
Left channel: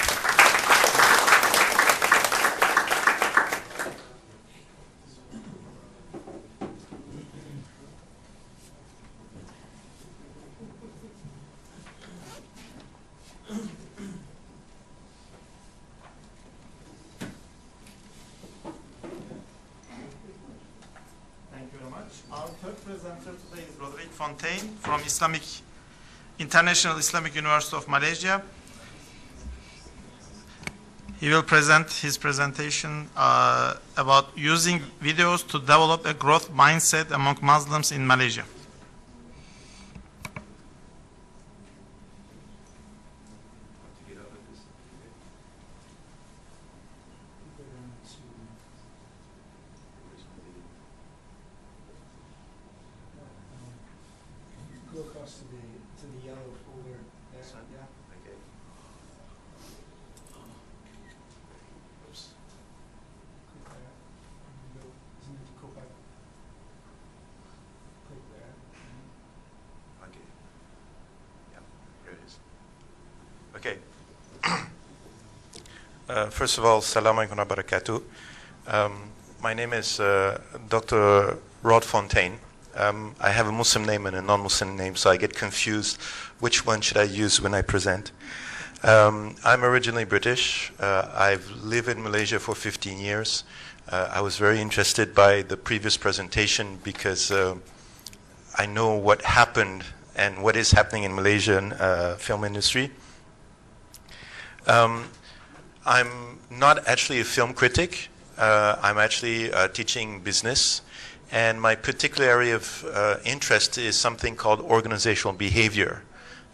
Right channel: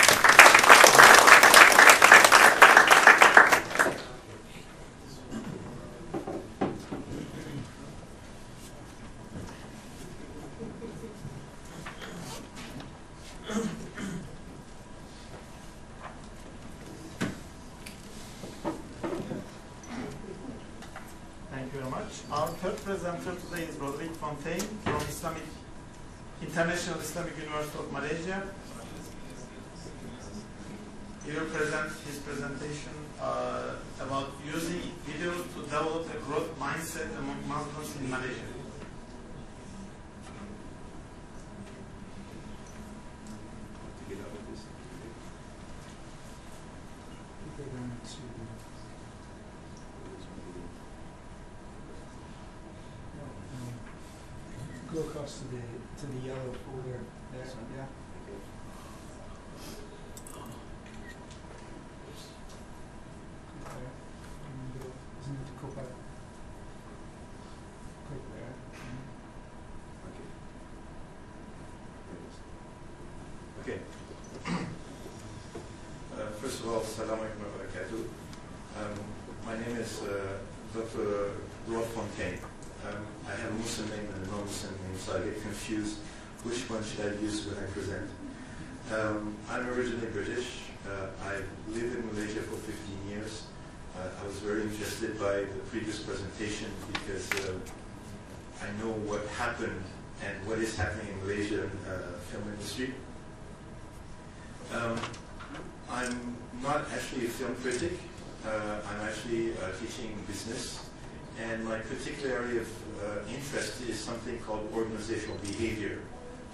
Thank you very much. Our third presenter today is Rodrigue Fontaine from International Islamic University of Malaysia. He will present his presentation about using videos to develop a growth mindset among Muslims in Malaysia. Go across to the yellow folder there. Yeah. Click there. And go. Isn't it go back? Click there. Okay. First of all, Assalamu alaikum wa barakatuh. My name is Dr. Rod Fontaine. I have a Muslim name and a non-Muslim name, so I get confused which one should I use when I present. I'm originally British. I've lived in Malaysia for 15 years. I was very interested by the previous presentation because I know what happened and what is happening in Malaysian film industry. I'm not actually a film critic. I'm actually teaching business. And my particular area of interest is something called organizational behavior.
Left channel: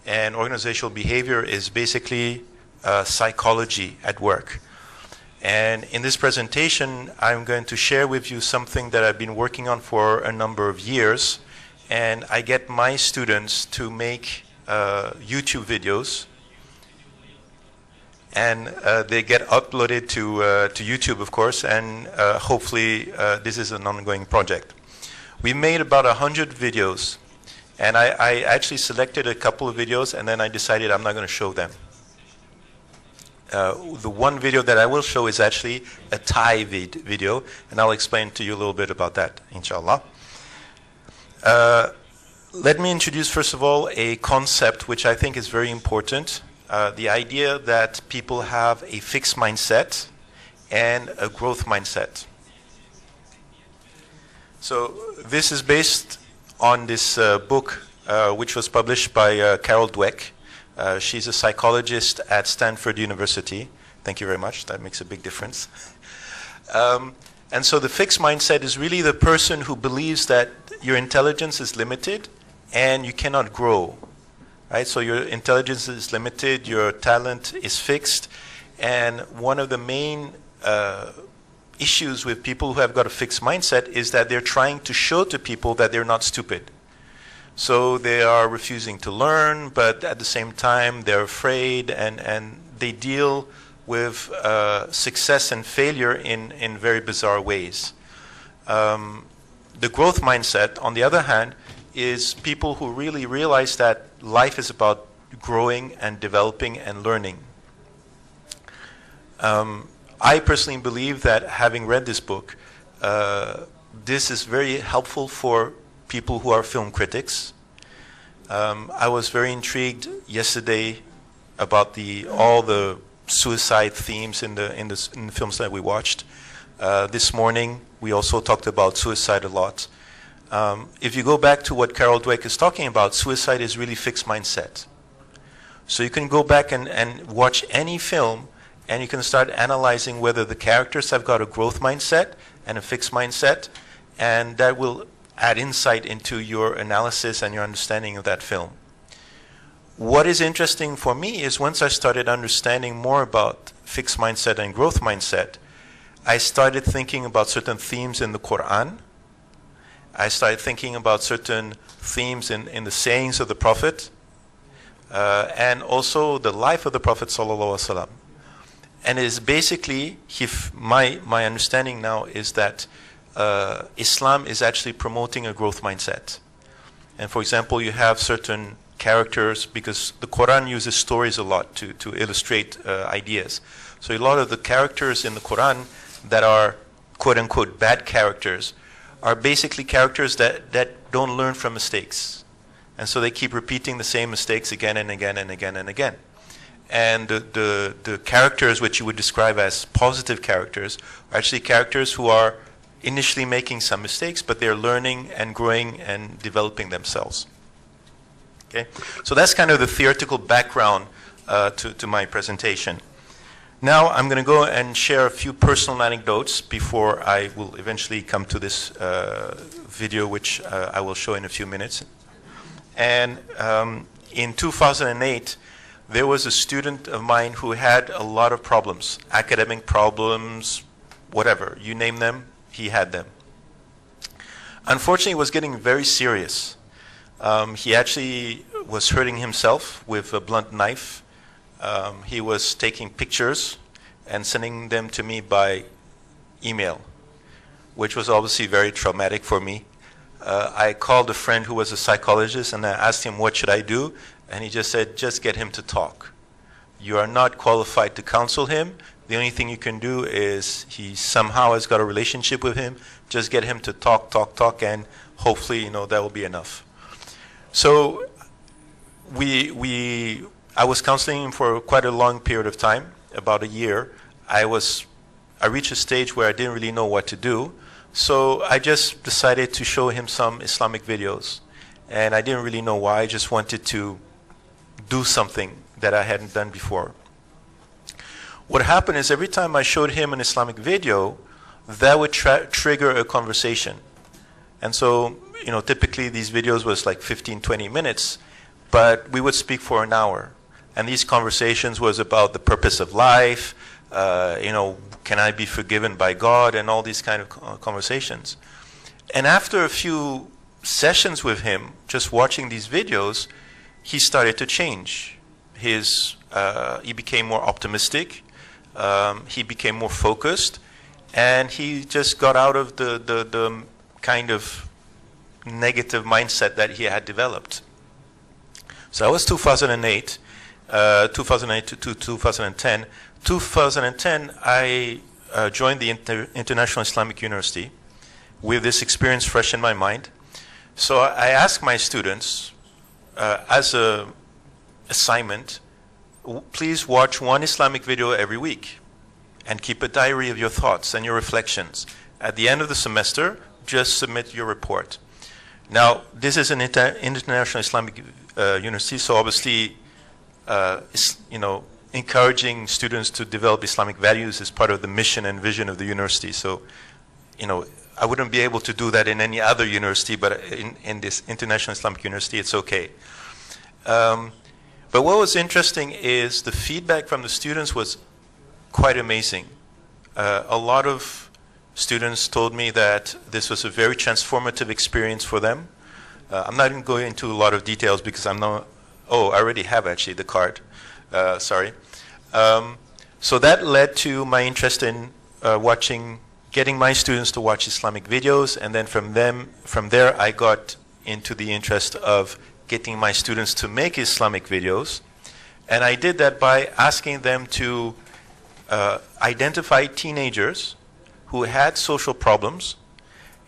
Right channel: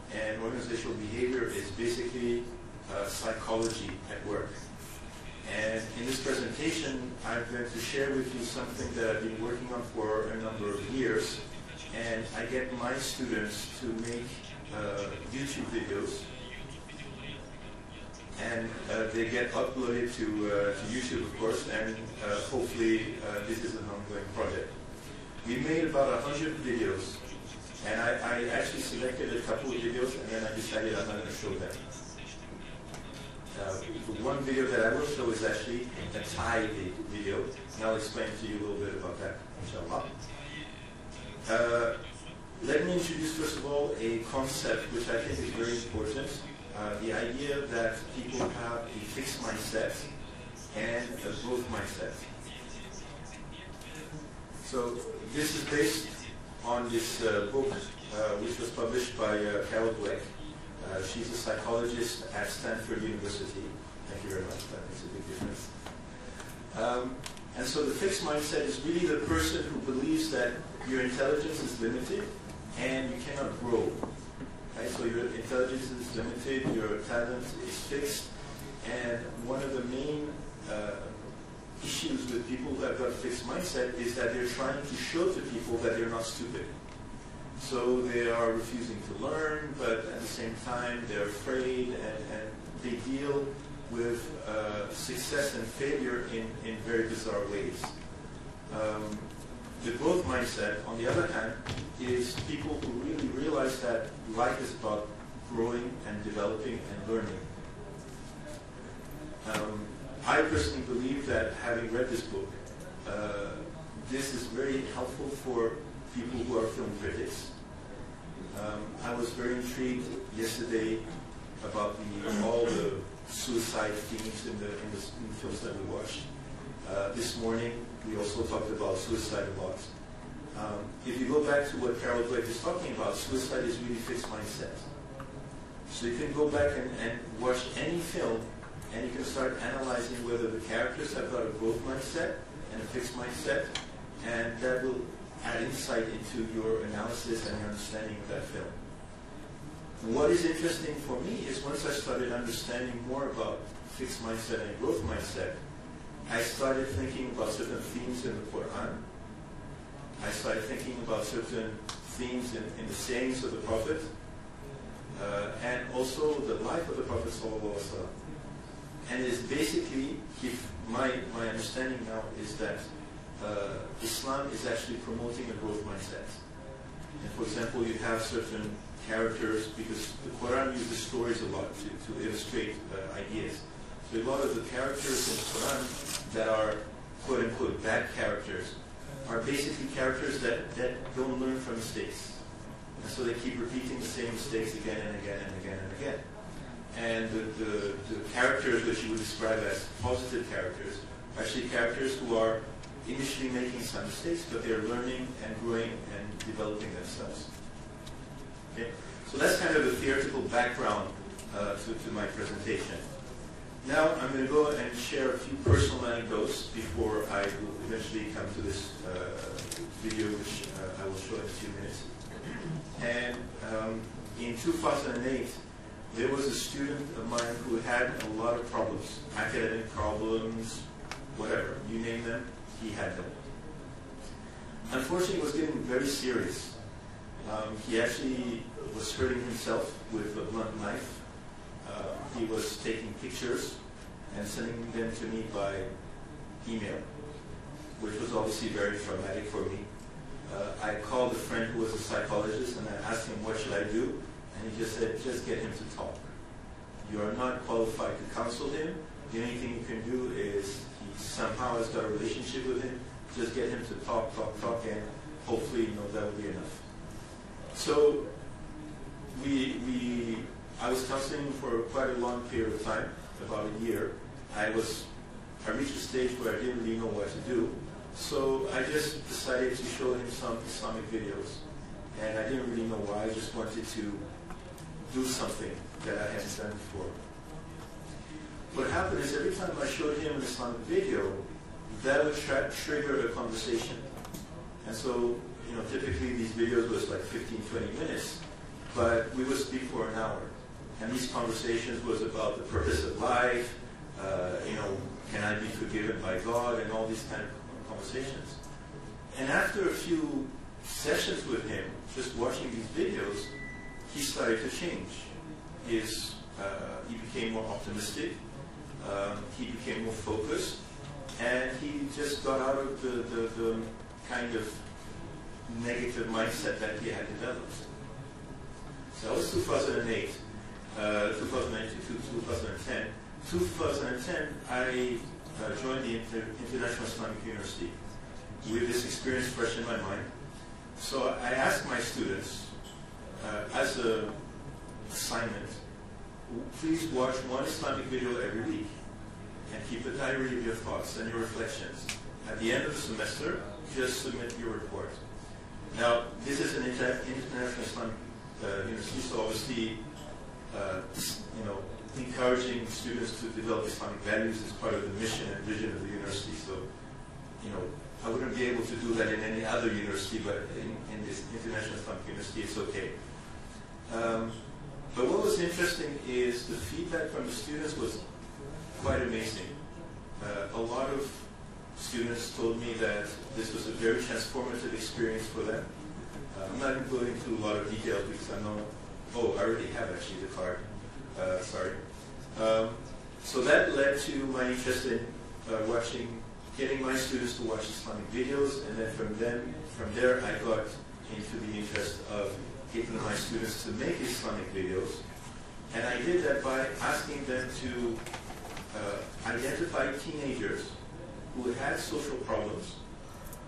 And organizational behavior is basically psychology at work. And in this presentation, I'm going to share with you something that I've been working on for a number of years. And I get my students to make YouTube videos. And they get uploaded to YouTube, of course, and hopefully this is an ongoing project. We made about 100 videos, and I actually selected a couple of videos, and then I decided I'm not going to show them. The one video that I will show is actually a Thai video, and I'll explain to you a little bit about that, inshallah. Let me introduce, first of all, a concept which I think is very important. The idea that people have a fixed mindset and a growth mindset. So this is based on this book which was published by Carol Dweck. She's a psychologist at Stanford University. Thank you very much. That makes a big difference. And so the fixed mindset is really the person who believes that your intelligence is limited and you cannot grow. Right? So your intelligence is limited, your talent is fixed, and one of the main issues with people who have got a fixed mindset is that they're trying to show to people that they're not stupid. So they are refusing to learn, but at the same time they're afraid, and they deal with success and failure in very bizarre ways. The growth mindset, on the other hand, is people who really realize that life is about growing and developing and learning. I personally believe that, having read this book, this is very helpful for people who are film critics. I was very intrigued yesterday about all the suicide themes in the films that we watched. This morning, we also talked about suicide a lot. If you go back to what Carol Dweck is talking about, suicide is really fixed mindset. So you can go back and watch any film, and you can start analyzing whether the characters have got a growth mindset and a fixed mindset, and that will add insight into your analysis and your understanding of that film. What is interesting for me is once I started understanding more about fixed mindset and growth mindset, I started thinking about certain themes in the Quran. I started thinking about certain themes in the sayings of the Prophet, and also the life of the Prophet ﷺ. And it is basically, my understanding now is that Islam is actually promoting a growth mindset. And for example, you have certain characters, because the Quran uses stories a lot to illustrate ideas. So a lot of the characters in the Quran that are quote-unquote bad characters are basically characters that don't learn from mistakes. And so they keep repeating the same mistakes again and again and again and again. And the characters which you would describe as positive characters are actually characters who are initially making some mistakes, but they're learning and growing and developing themselves. Okay? So that's kind of the theoretical background to my presentation. Now I'm going to go and share a few personal anecdotes before I will eventually come to this video, which I will show in a few minutes. And in 2008, there was a student of mine who had a lot of problems, academic problems, whatever, you name them, he had them. Unfortunately, it was getting very serious. He actually was hurting himself with a blunt knife. He was taking pictures and sending them to me by email, which was obviously very traumatic for me. I called a friend who was a psychologist and I asked him, what should I do? And he just said, just get him to talk. You are not qualified to counsel him. The only thing you can do is he somehow has got a relationship with him. Just get him to talk, and hopefully, that will be enough. So I was counseling him for quite a long period of time, about a year. I reached a stage where I didn't really know what to do. So I just decided to show him some Islamic videos. And I didn't really know why. I just wanted to do something that I hadn't done before. What happened is every time I showed him an Islamic video, that would trigger a conversation. And so, typically these videos was like 15, 20 minutes, but we would speak for an hour. And these conversations was about the purpose of life, can I be forgiven by God, and all these kind of conversations. And after a few sessions with him, just watching these videos, he started to change. He became more optimistic, he became more focused, and he just got out of the kind of negative mindset that he had developed. So that was 2008. 2008 to 2010. 2010, I joined the International Islamic University with this experience fresh in my mind. So I asked my students, as an assignment, please watch one Islamic video every week and keep a diary of your thoughts and your reflections. At the end of the semester, just submit your report. Now, this is an International Islamic University, so obviously, encouraging students to develop Islamic values is part of the mission and vision of the university. So, I wouldn't be able to do that in any other university, but in this International Islamic University, it's okay. But what was interesting is the feedback from the students was quite amazing. A lot of students told me that this was a very transformative experience for them. I'm not going to go into a lot of details because I'm not. Oh, I already have actually the card. Sorry. So that led to my interest in getting my students to watch Islamic videos, and then from there I got into the interest of getting my students to make Islamic videos. And I did that by asking them to identify teenagers who had social problems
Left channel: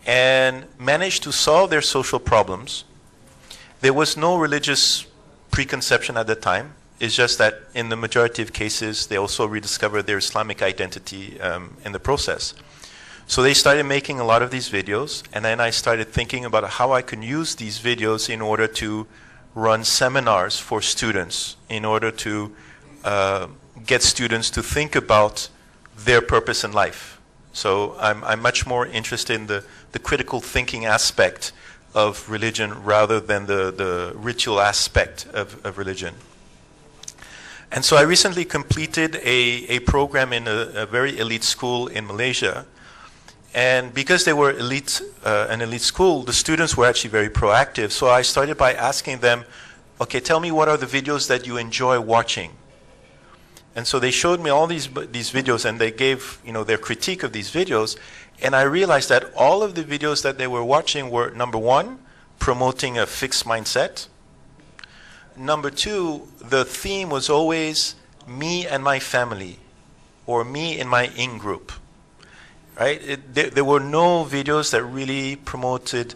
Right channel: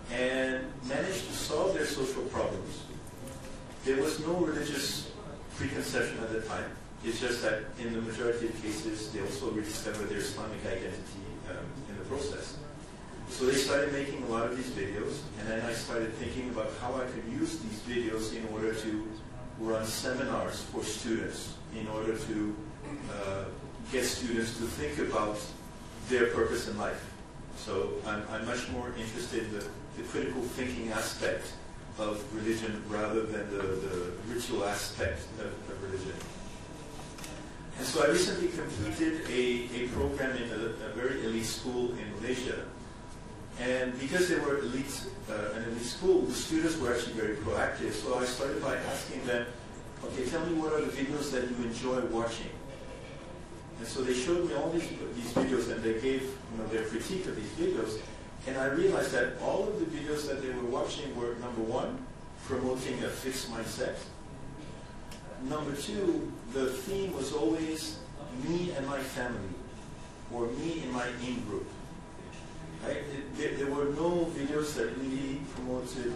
and managed to solve their social problems. There was no religious preconception at the time. It's just that in the majority of cases, they also rediscovered their Islamic identity in the process. So they started making a lot of these videos, and then I started thinking about how I could use these videos in order to run seminars for students, in order to get students to think about their purpose in life. So I'm much more interested in the critical thinking aspect of religion rather than the ritual aspect of religion. And so I recently completed a program in a very elite school in Malaysia. And because they were an elite school, the students were actually very proactive. So I started by asking them, okay, tell me what are the videos that you enjoy watching? And so they showed me all these videos, and they gave their critique of these videos. And I realized that all of the videos that they were watching were, number one, promoting a fixed mindset. Number two, the theme was always me and my family, or me and my in-group. Right? There were no videos that really promoted,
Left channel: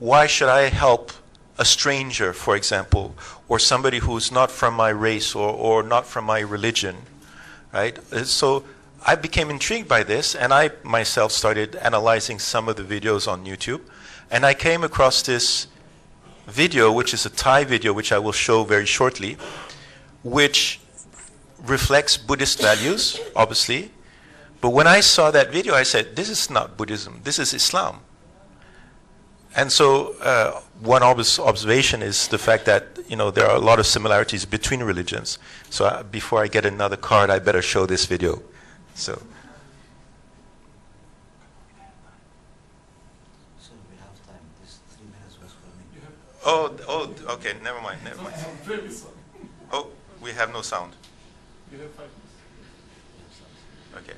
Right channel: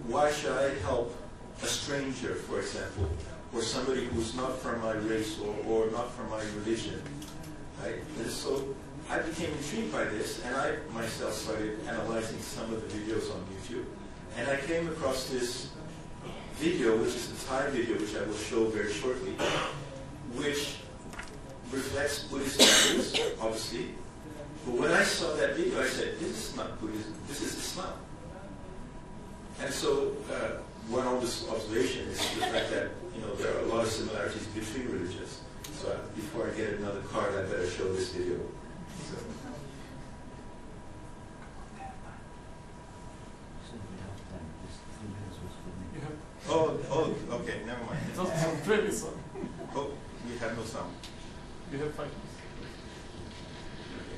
why should I help a stranger, for example, or somebody who's not from my race or not from my religion, right? So I became intrigued by this, and I myself started analyzing some of the videos on YouTube, and I came across this video, which is a Thai video, which I will show very shortly, which reflects Buddhist values, obviously. But when I saw that video, I said, this is not Buddhism, this is Islam. And so one observation is the fact that, you know, there are a lot of similarities between religions. So before I get another card, I better show this video. So. Oh, okay, never mind. Oh, we have no sound. You have 5 minutes. Okay.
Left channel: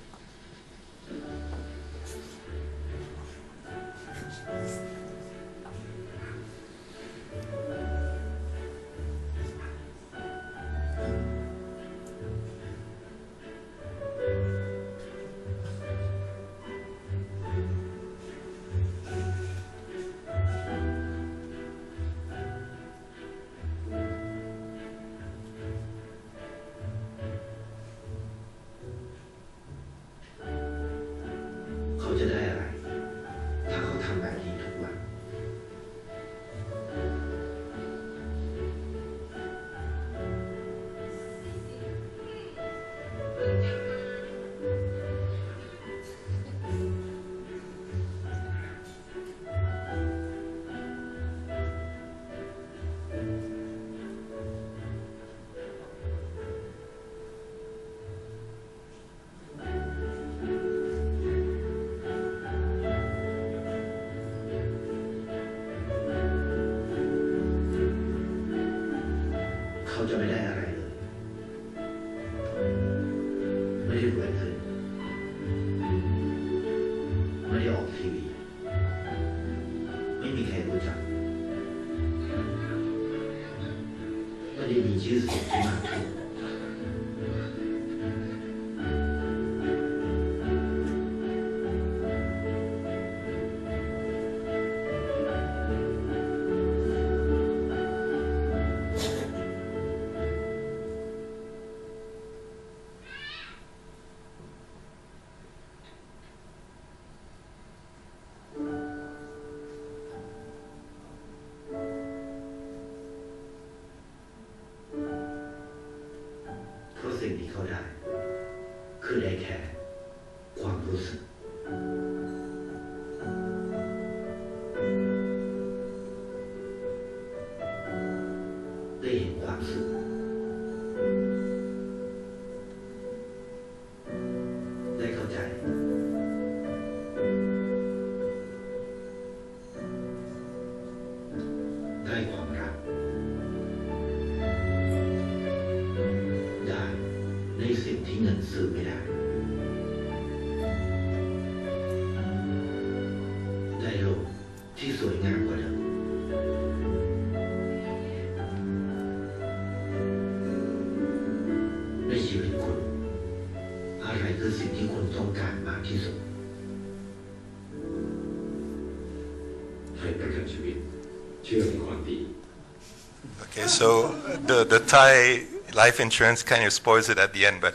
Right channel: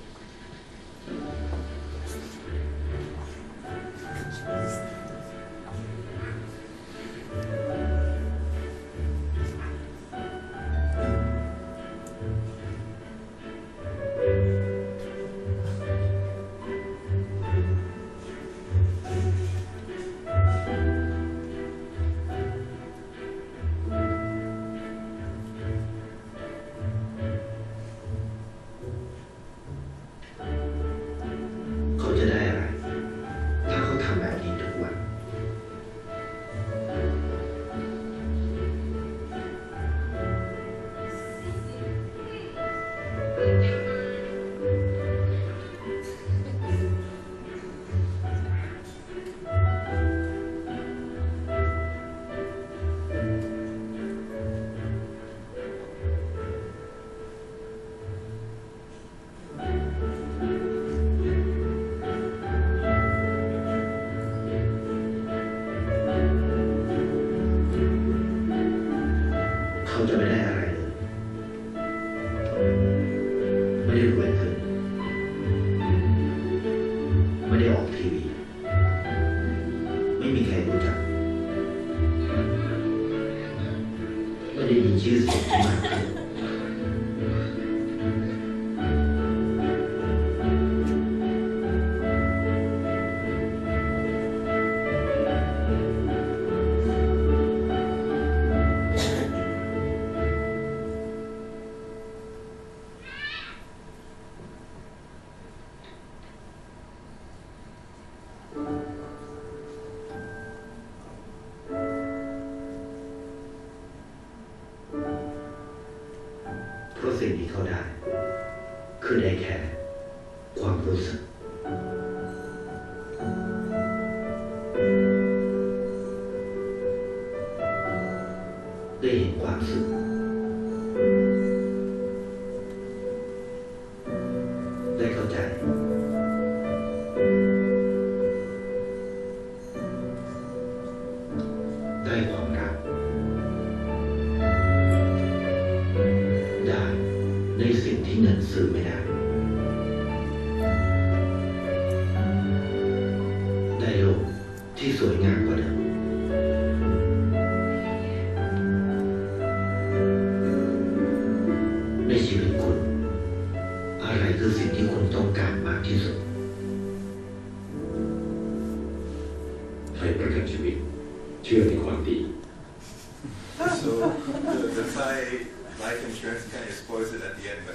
So the Thai life insurance kind of spoils it at the end, but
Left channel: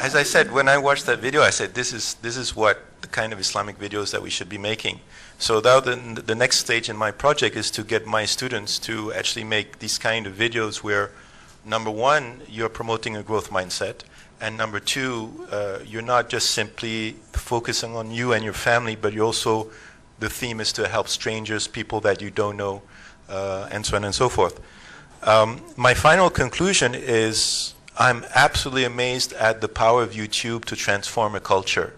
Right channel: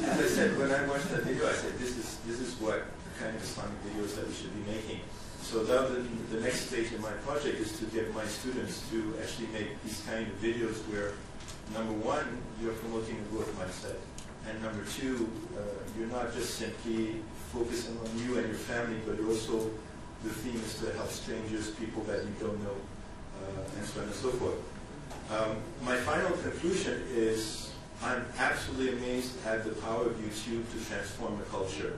as I said, when I watched that video, I said, this is what the kind of Islamic videos that we should be making. So now the next stage in my project is to get my students to actually make these kind of videos where, number one, you're promoting a growth mindset, and number two, you're not just simply focusing on you and your family, but you also, the theme is to help strangers, people that you don't know, and so on and so forth. My final conclusion is I'm absolutely amazed at the power of YouTube to transform a culture.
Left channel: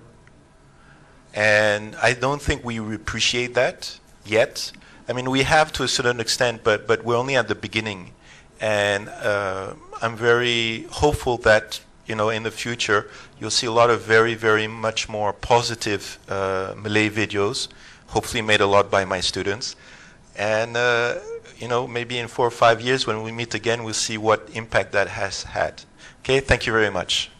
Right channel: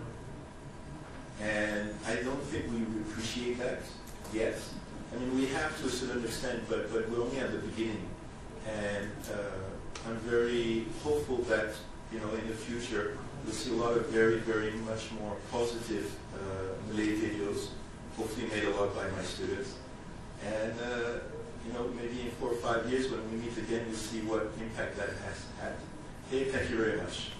And I don't think we appreciate that yet. I mean, we have to a certain extent, but we're only at the beginning. And I'm very hopeful that, you know, in the future, you'll see a lot of very, very much more positive Malay videos, hopefully made a lot by my students. And you know, maybe in 4 or 5 years when we meet again, we'll see what impact that has had. Okay, thank you very much.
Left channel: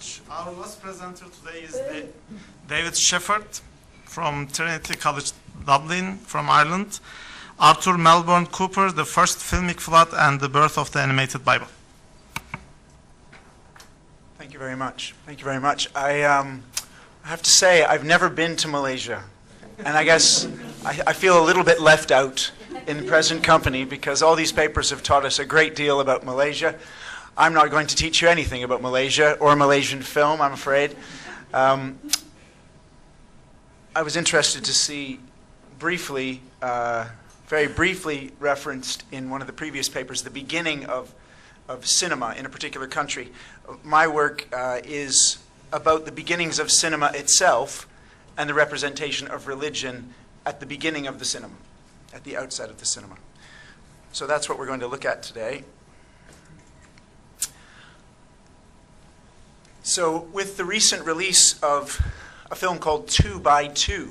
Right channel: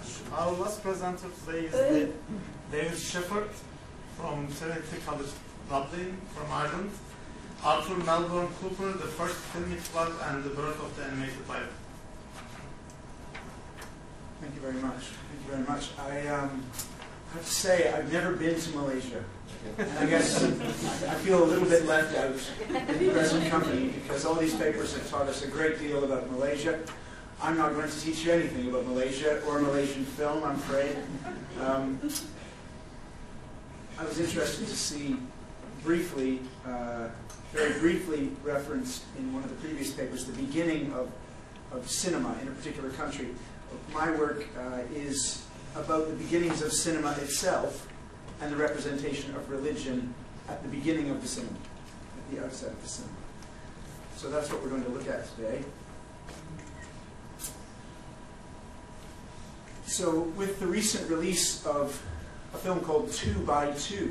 much. Our last presenter today is David Shepherd from Trinity College, Dublin, from Ireland. Arthur Melbourne Cooper, the first filmic flood and the birth of the animated Bible. Thank you very much. Thank you very much. I have to say, I've never been to Malaysia. And I guess I feel a little bit left out in present company because all these papers have taught us a great deal about Malaysia. I'm not going to teach you anything about Malaysia or Malaysian film, I'm afraid. I was interested to see briefly, very briefly referenced in one of the previous papers, the beginning of cinema in a particular country. My work is about the beginnings of cinema itself and the representation of religion at the beginning of the cinema, at the outset of the cinema. So that's what we're going to look at today. So with the recent release of a film called 2 by 2,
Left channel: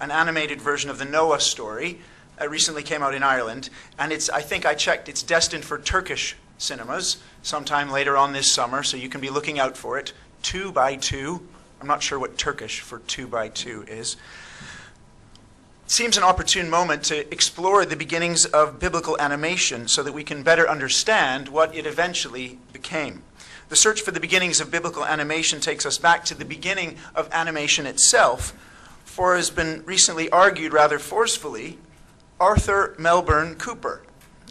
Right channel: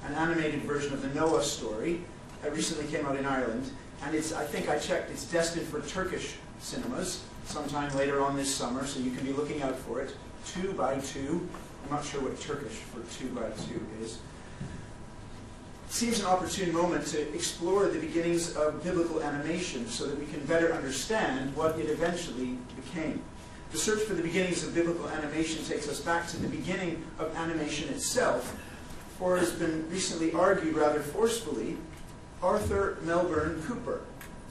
an animated version of the Noah story, it recently came out in Ireland, and I think I checked, it's destined for Turkish cinemas sometime later on this summer, so you can be looking out for it. 2 by 2. I'm not sure what Turkish for 2 by 2 is. It seems an opportune moment to explore the beginnings of biblical animation so that we can better understand what it eventually became. The search for the beginnings of biblical animation takes us back to the beginning of animation itself, for it has been recently argued rather forcefully, Arthur Melbourne Cooper,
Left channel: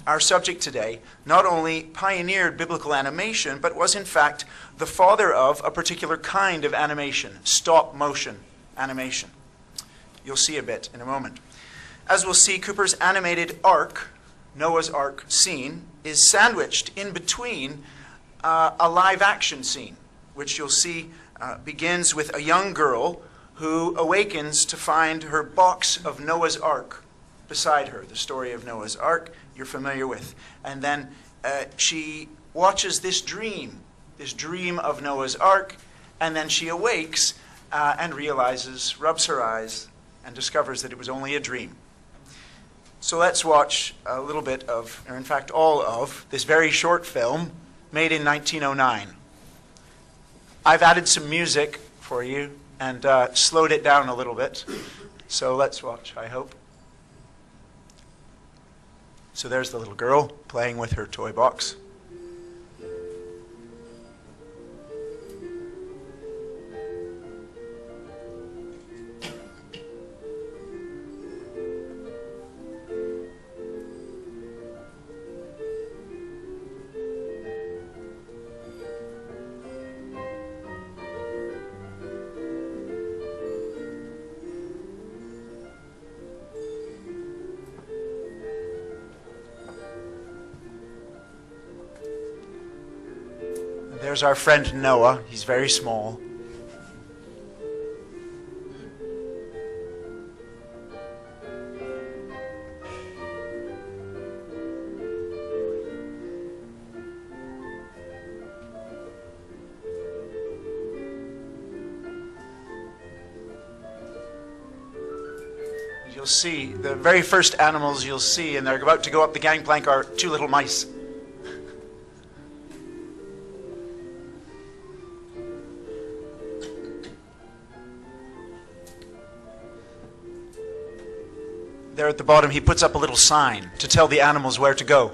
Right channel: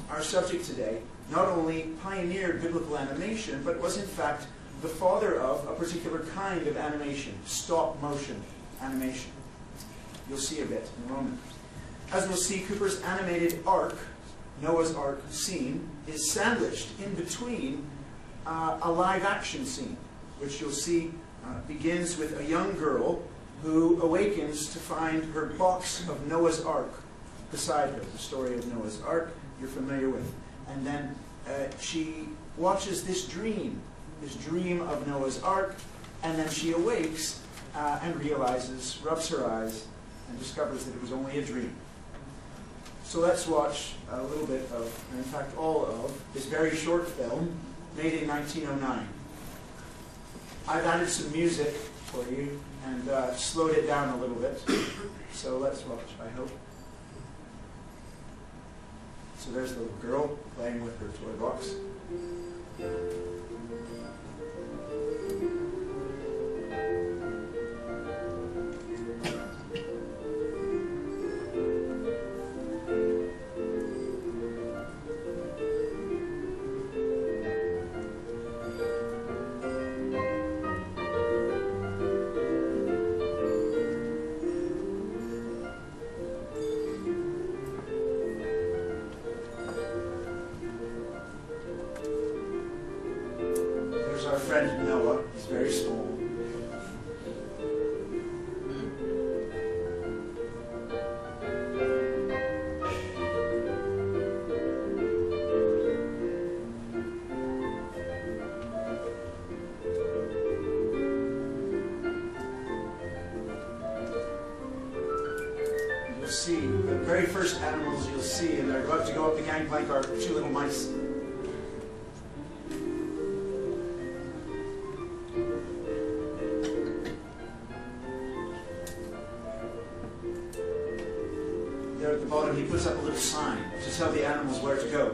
our subject today, not only pioneered biblical animation, but was in fact the father of a particular kind of animation, stop motion animation. You'll see a bit in a moment. As we'll see, Cooper's animated ark, Noah's Ark scene, is sandwiched in between a live action scene, which you'll see begins with a young girl who awakens to find her box of Noah's Ark beside her. The story of Noah's Ark you're familiar with. And then she watches this dream of Noah's Ark, and then she awakes and realizes, rubs her eyes, and discovers that it was only a dream. So let's watch a little bit of, or in fact all of, this very short film made in 1909. I've added some music for you and slowed it down a little bit. So let's watch, I hope. So there's the little girl playing with her toy box. There's our friend Noah. He's very small. You'll see, the very first animals you'll see, and they're about to go up the gangplank, are two little mice. There at the bottom, he puts up a little sign to tell the animals where to go.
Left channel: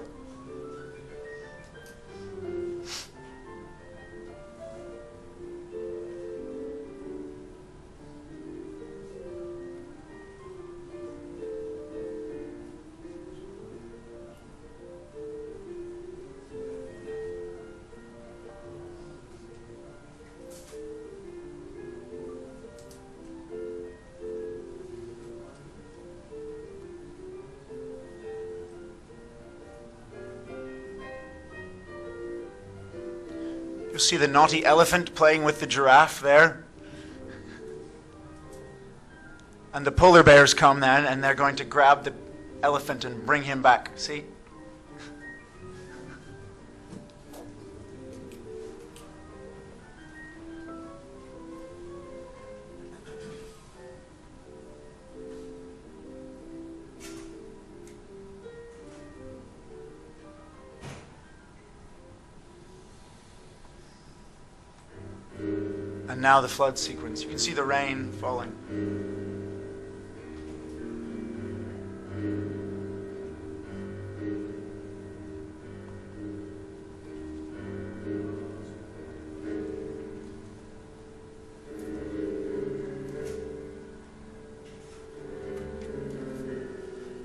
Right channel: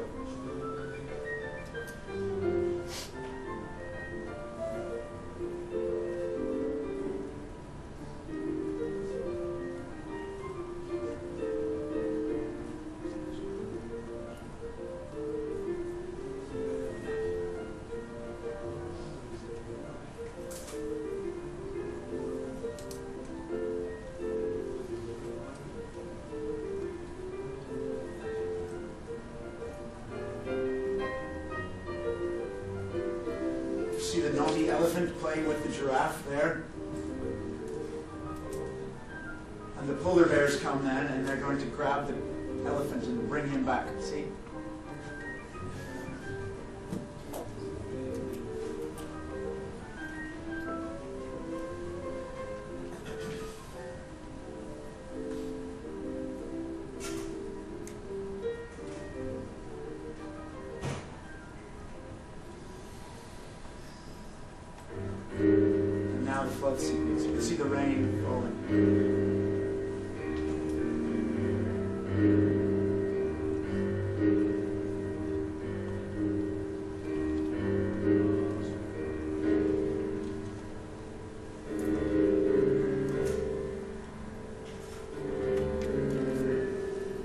See the naughty elephant playing with the giraffe there? And the polar bears come then, and they're going to grab the elephant and bring him back. See? now the flood sequence. You can see the rain falling.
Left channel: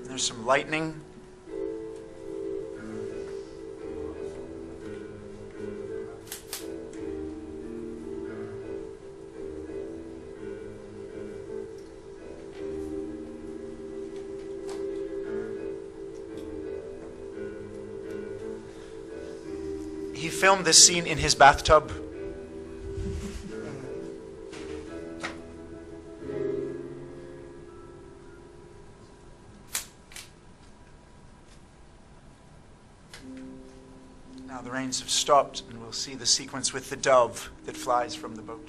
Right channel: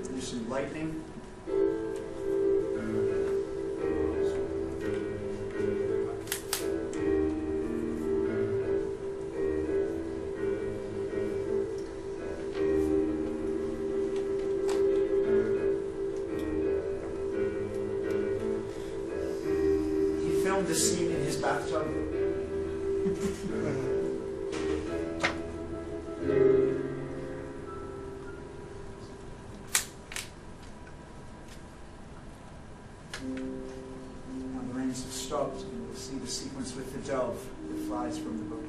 There's some lightning. Filmed this scene in his bathtub. Now the rains have stopped, and we'll see the sequence with the dove that flies from the boat.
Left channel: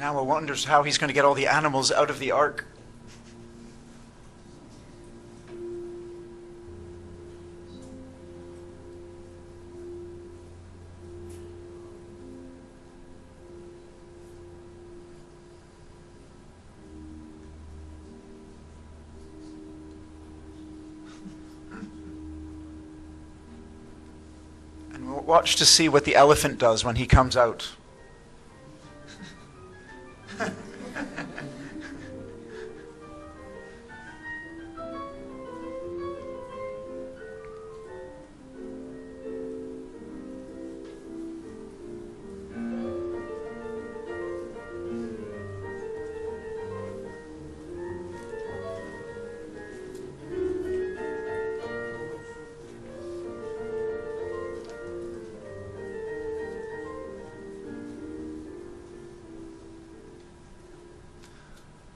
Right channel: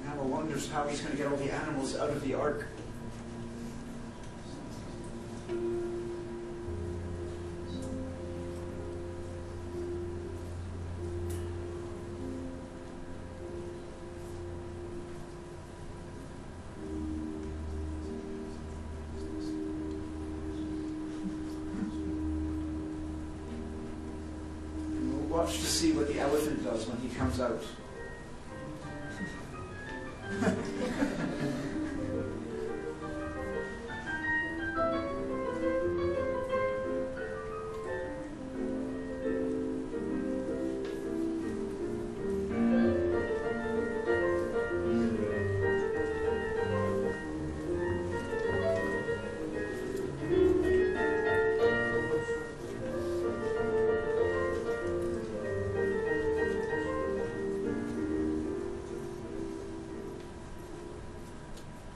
Now one wonders how he's going to get all the animals out of the ark. And we'll watch to see what the elephant does when he comes out.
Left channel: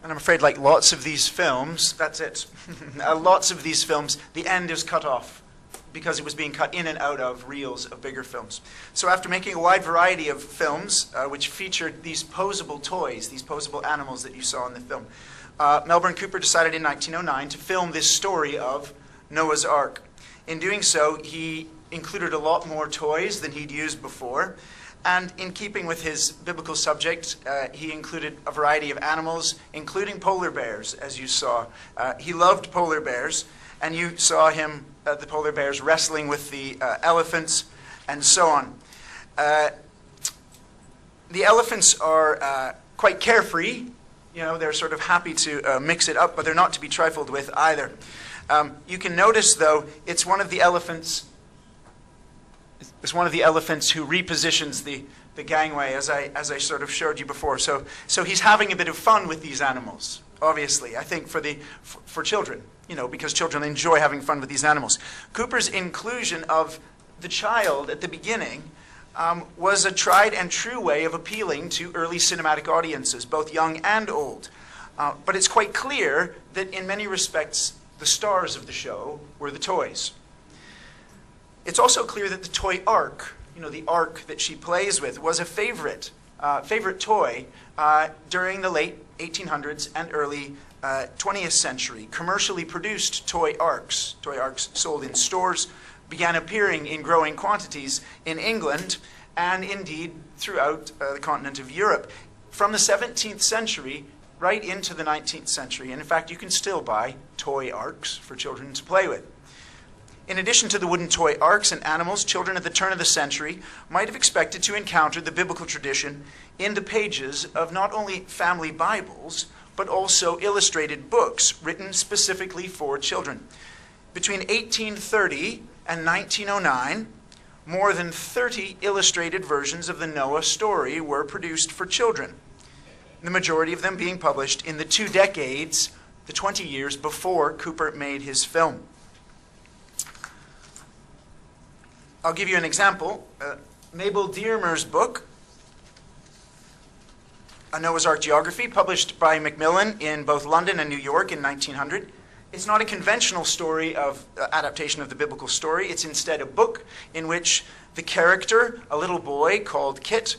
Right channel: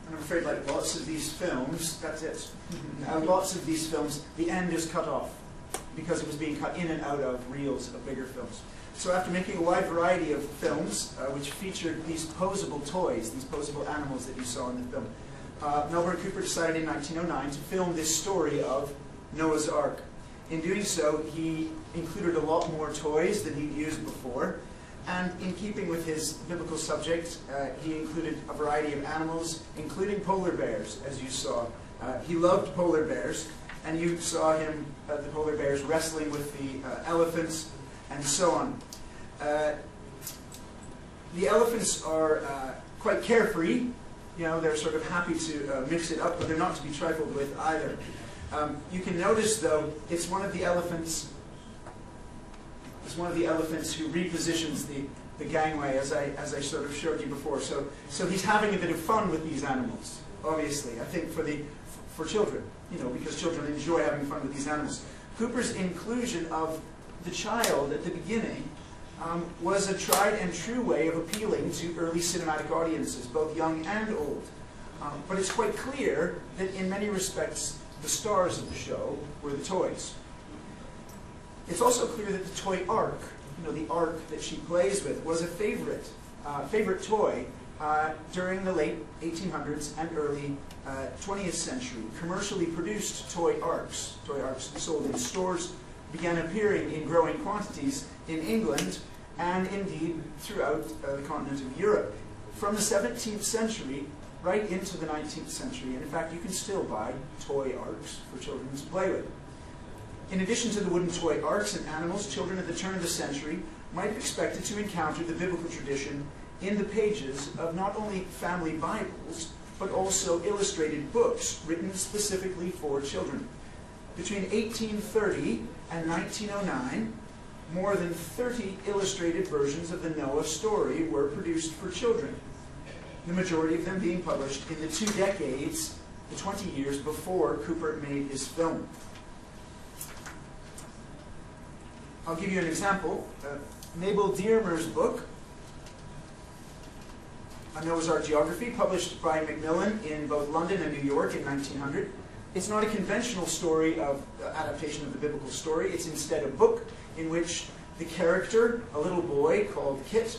I'm afraid, like lots of these films, that's it. Lots of these films, the end is cut off because it was being cut in and out of reels of bigger films. So after making a wide variety of films which featured these posable toys, these posable animals that you saw in the film, Melbourne Cooper decided in 1909 to film this story of Noah's Ark. In doing so, he included a lot more toys than he'd used before. And in keeping with his biblical subject, he included a variety of animals, including polar bears, as you saw. He loved polar bears, and you saw him, the polar bears, wrestling with the elephants, and so on. The elephants are quite carefree. You know, they're sort of happy to mix it up, but they're not to be trifled with either. You can notice, though, it's one of the elephants. It's one of the elephants who repositions the gangway, as I sort of showed you before. So he's having a bit of fun with these animals, obviously, I think for children, you know, because children enjoy having fun with these animals. Cooper's inclusion of the child at the beginning was a tried and true way of appealing to early cinematic audiences, both young and old. But it's quite clear that in many respects, the stars of the show were the toys. It's also clear that the toy ark, you know, the ark that she plays with, was a favorite toy during the late 1800s and early 20th century. Commercially produced toy arks sold in stores, began appearing in growing quantities in England, and indeed throughout the continent of Europe, from the 17th century right into the 19th century. And in fact, you can still buy toy arks for children to play with. In addition to the wooden toy arks and animals, children at the turn of the century might have expected to encounter the biblical tradition in the pages of not only family Bibles, but also illustrated books written specifically for children. Between 1830 and 1909, more than 30 illustrated versions of the Noah story were produced for children, the majority of them being published in the 2 decades, the 20 years before Cooper made his film. I'll give you an example. Mabel Dearmer's book, A Noah's Ark Geography, published by Macmillan in both London and New York in 1900. It's not a conventional story of adaptation of the biblical story. It's instead a book in which the character, a little boy called Kit,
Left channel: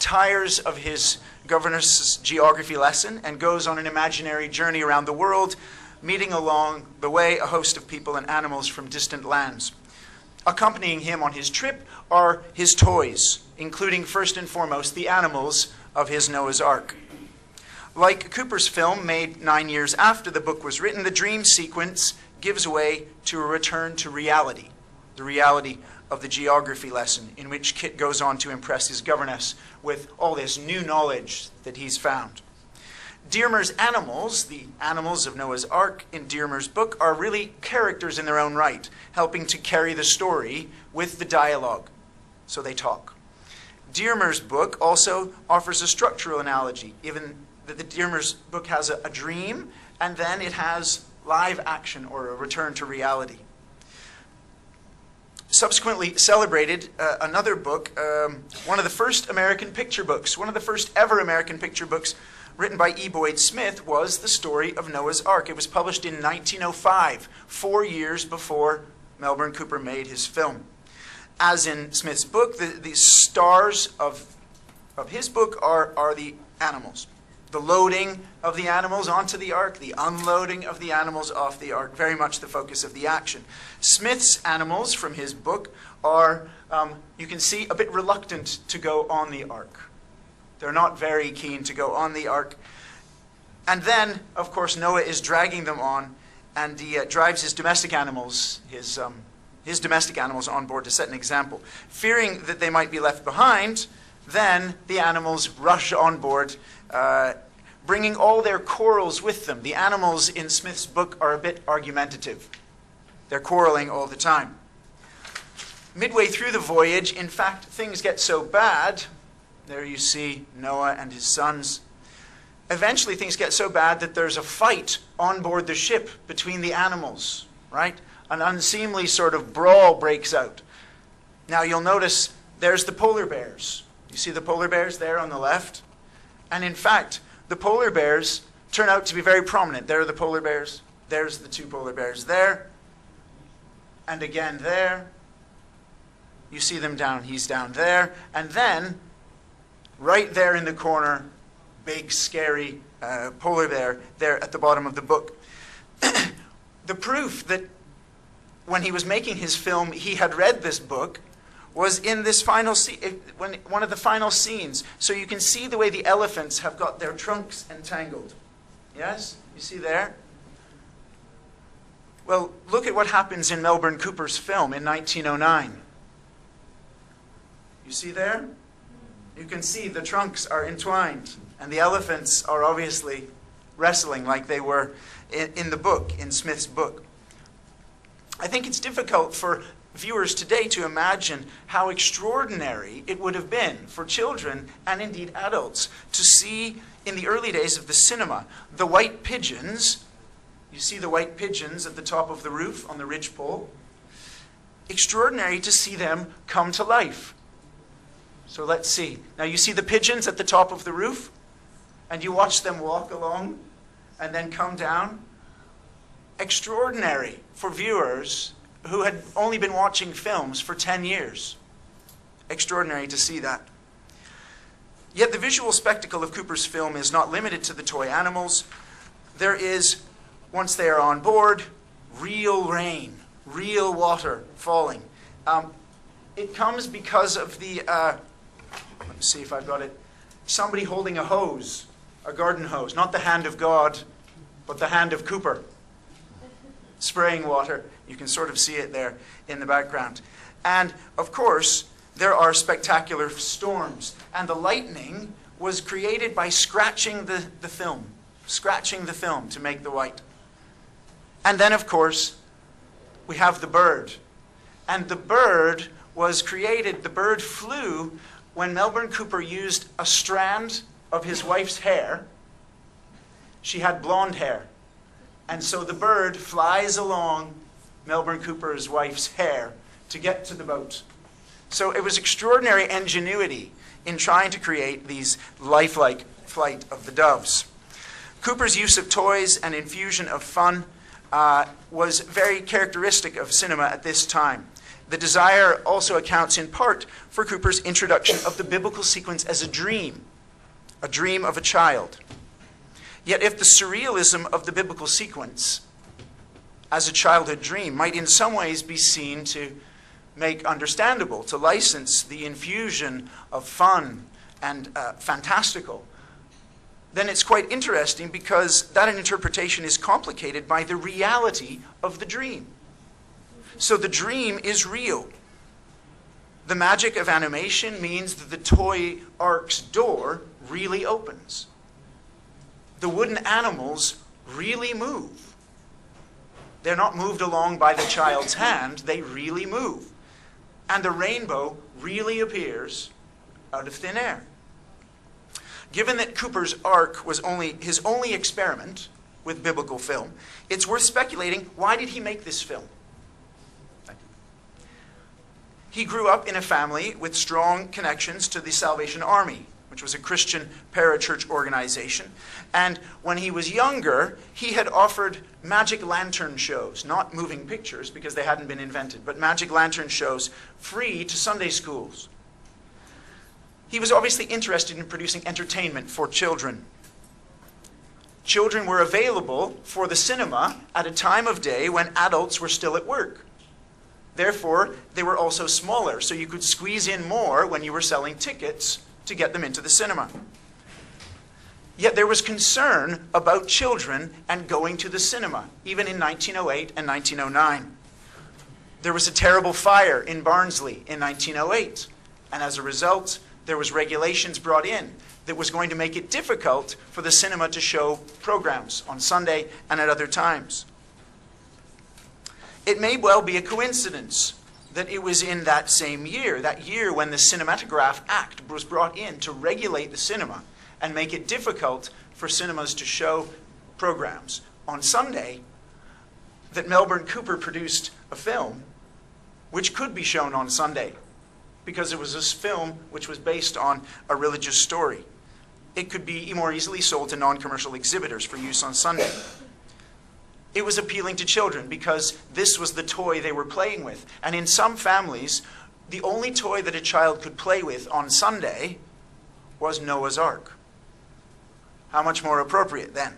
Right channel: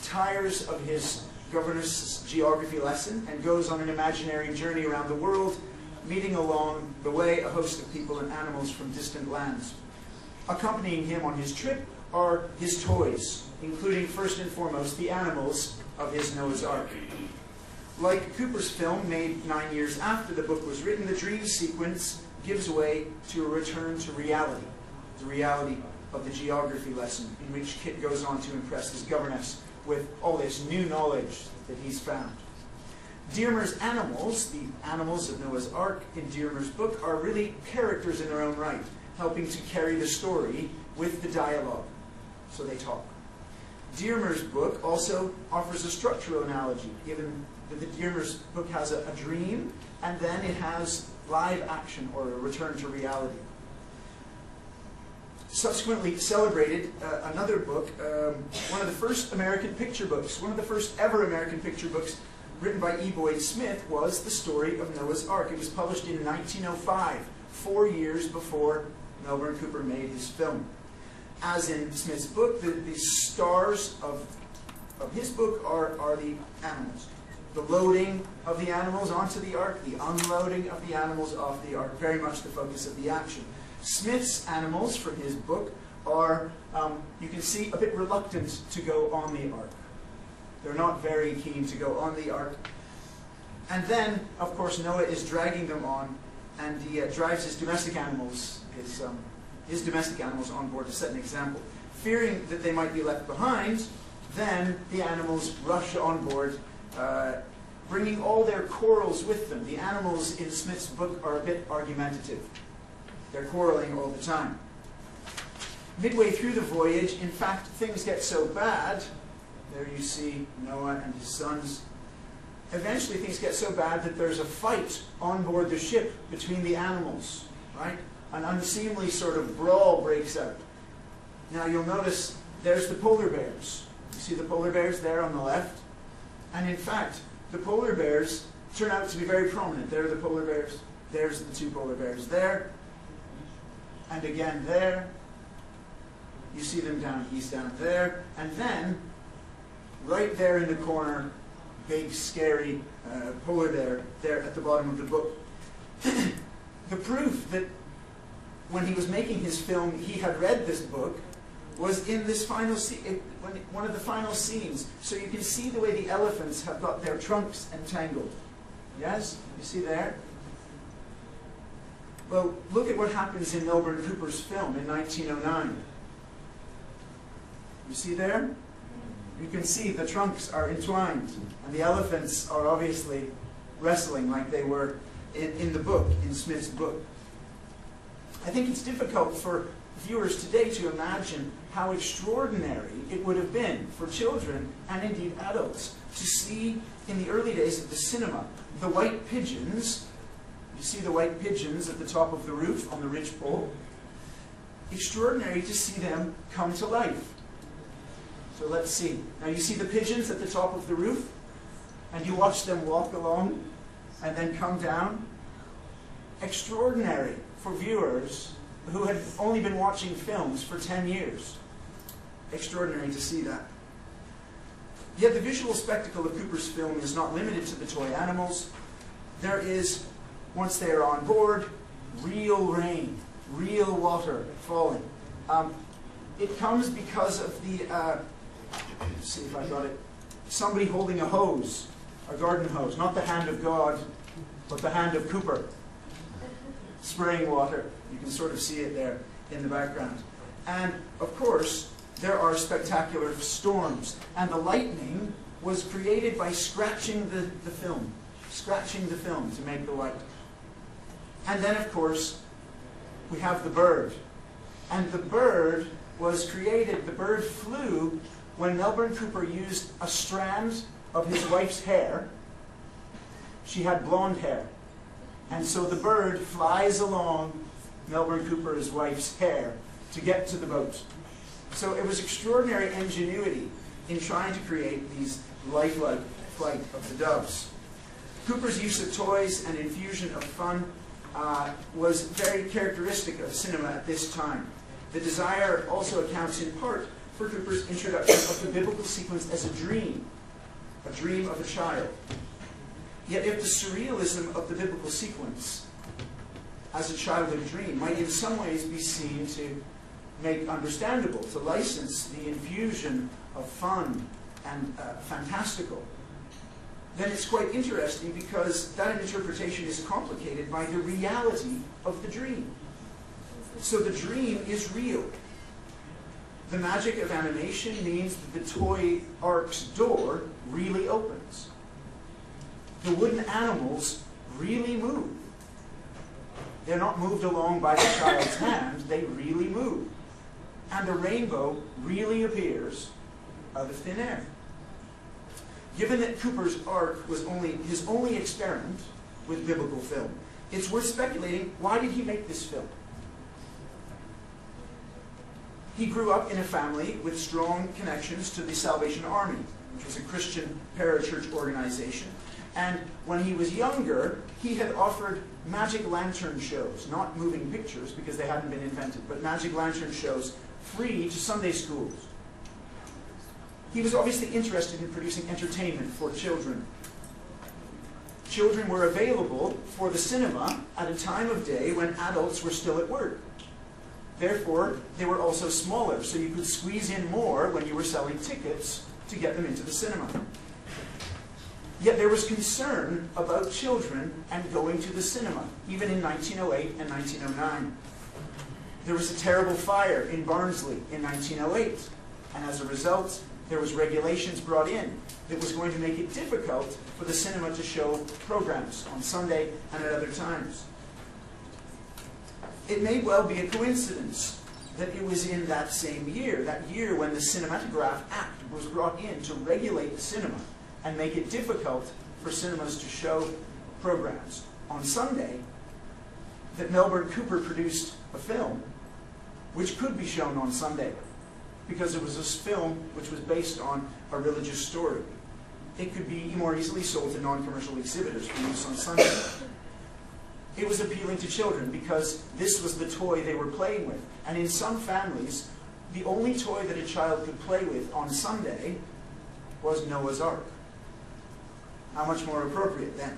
tires of his governess's geography lesson and goes on an imaginary journey around the world, meeting along the way a host of people and animals from distant lands. Accompanying him on his trip are his toys, including first and foremost the animals of his Noah's Ark. Like Cooper's film, made 9 years after the book was written, the dream sequence gives way to a return to reality, the reality of the geography lesson, in which Kit goes on to impress his governess with all this new knowledge that he's found. Dearmer's animals, the animals of Noah's Ark in Dearmer's book, are really characters in their own right, helping to carry the story with the dialogue, so they talk. Dearmer's book also offers a structural analogy, even that the Dearmer's book has a dream, and then it has live action or a return to reality. Subsequently celebrated another book, one of the first American picture books, one of the first ever American picture books written by E. Boyd Smith, was The Story of Noah's Ark. It was published in 1905, 4 years before Melbourne Cooper made his film. As in Smith's book, the stars of his book are the animals. The loading of the animals onto the ark, the unloading of the animals off the ark, very much the focus of the action. Smith's animals from his book are, you can see, a bit reluctant to go on the ark. They're not very keen to go on the ark. And then, of course, Noah is dragging them on, and he drives his domestic animals, his domestic animals on board to set an example. Fearing that they might be left behind, then the animals rush on board, bringing all their quarrels with them. The animals in Smith's book are a bit argumentative. They're quarreling all the time. Midway through the voyage, in fact, things get so bad. There you see Noah and his sons. Eventually things get so bad that there's a fight on board the ship between the animals, right? An unseemly sort of brawl breaks out. Now you'll notice there's the polar bears. You see the polar bears there on the left? And in fact, the polar bears turn out to be very prominent. There are the polar bears. There's the 2 polar bears there. And again there. You see them down, he's down there. And then, right there in the corner, big, scary polar bear there at the bottom of the book. The proof that when he was making his film, he had read this book was in this final scene, one of the final scenes. So you can see the way the elephants have got their trunks entangled. Yes? You see there? Well, look at what happens in Melbourne Cooper's film in 1909. You see there? You can see the trunks are entwined, and the elephants are obviously wrestling like they were in the book, in Smith's book. I think it's difficult for viewers today to imagine how extraordinary it would have been for children, and indeed adults, to see in the early days of the cinema the white pigeons. You see the white pigeons at the top of the roof on the ridgepole. Extraordinary to see them come to life. So let's see. Now you see the pigeons at the top of the roof, and you watch them walk along and then come down. Extraordinary for viewers who had only been watching films for 10 years. Extraordinary to see that. Yet the visual spectacle of Cooper's film is not limited to the toy animals. There is, once they are on board, real rain, real water falling. It comes because of the Let's see if I've got it. Somebody holding a hose, a garden hose, not the hand of God, but the hand of Cooper, spraying water. You can sort of see it there in the background. And of course, there are spectacular storms. And the lightning was created by scratching the film to make the white. And then, of course, we have the bird. And the bird was created, the bird flew when Melbourne Cooper used a strand of his wife's hair. She had blonde hair. And so the bird flies along Melbourne Cooper's wife's hair to get to the boat. So it was extraordinary ingenuity in trying to create these lifelike flight of the doves. Cooper's use of toys and infusion of fun was very characteristic of cinema at this time. The desire also accounts in part for Cooper's introduction of the biblical sequence as a dream of a child. Yet if the surrealism of the biblical sequence as a childhood dream might in some ways be seen to make understandable, to license the infusion of fun and fantastical, then it's quite interesting because that interpretation is complicated by the reality of the dream. So the dream is real. The magic of animation means that the toy ark's door really opens. The wooden animals really move. They're not moved along by the child's hand, they really move. And the rainbow really appears out of thin air. Given that Cooper's ark was his only experiment with biblical film, it's worth speculating, why did he make this film? He grew up in a family with strong connections to the Salvation Army, which was a Christian parachurch organization. And when he was younger, he had offered magic lantern shows, not moving pictures because they hadn't been invented, but magic lantern shows free to Sunday schools. He was obviously interested in producing entertainment for children. Children were available for the cinema at a time of day when adults were still at work. Therefore, they were also smaller, so you could squeeze in more when you were selling tickets to get them into the cinema. Yet there was concern about children and going to the cinema, even in 1908 and 1909. There was a terrible fire in Barnsley in 1908, and as a result, there was regulations brought in that was going to make it difficult for the cinema to show programs on Sunday and at other times. It may well be a coincidence that it was in that same year, that year when the Cinematograph Act was brought in to regulate the cinema and make it difficult for cinemas to show programs on Sunday, that Melbourne Cooper produced a film which could be shown on Sunday, because it was this film which was based on a religious story. It could be more easily sold to non-commercial exhibitors for use on Sunday. It was appealing to children because this was the toy they were playing with. And in some families, the only toy that a child could play with on Sunday was Noah's Ark. How much more appropriate then?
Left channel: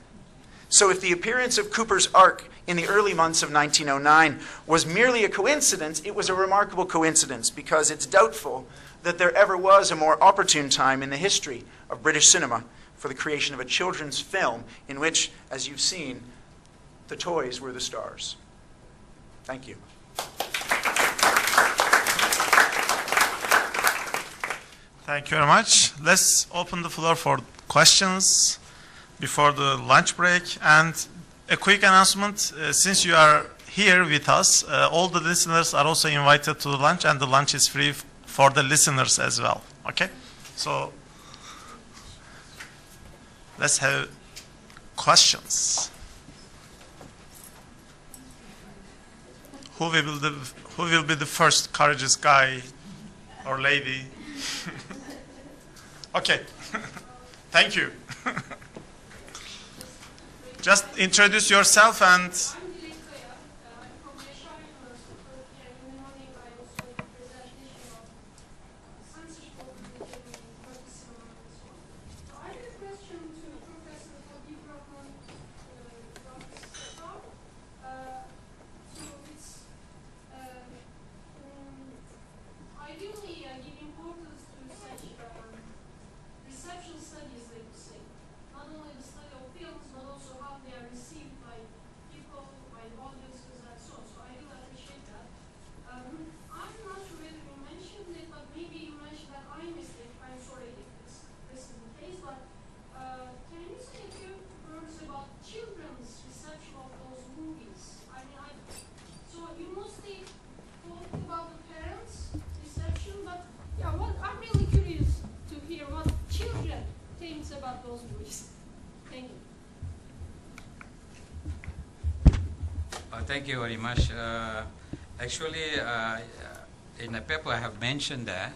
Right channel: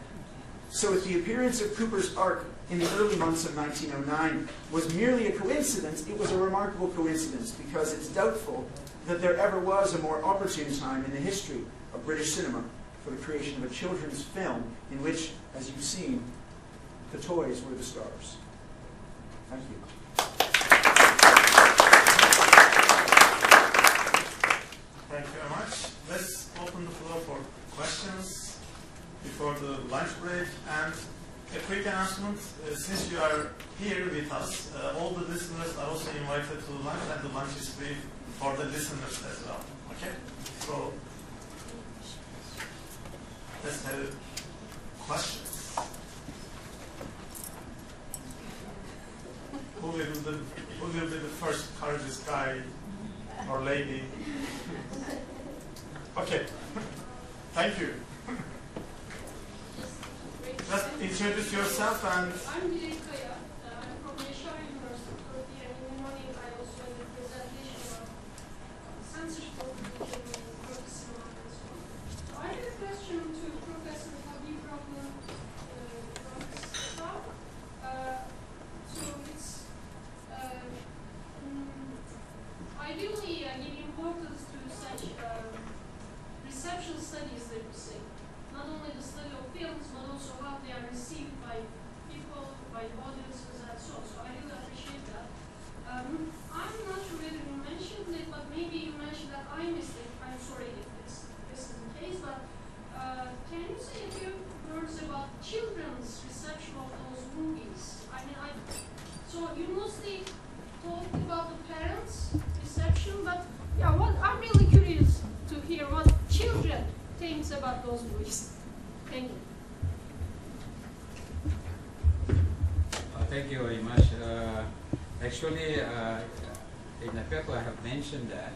So if the appearance of Cooper's Ark in the early months of 1909 was merely a coincidence, it was a remarkable coincidence because it's doubtful that there ever was a more opportune time in the history of British cinema for the creation of a children's film in which, as you've seen, the toys were the stars. Thank you. Thank you very much. Let's open the floor for questions before the lunch break. And a quick announcement, since you are here with us, all the listeners are also invited to the lunch, and the lunch is free for the listeners as well. Okay? So let's have questions. Who will be the first courageous guy or lady? Okay. Thank you. Just introduce yourself and... Ideally, give importance to such about those boys. Thank you. Thank you very much. Actually, in the paper I have mentioned that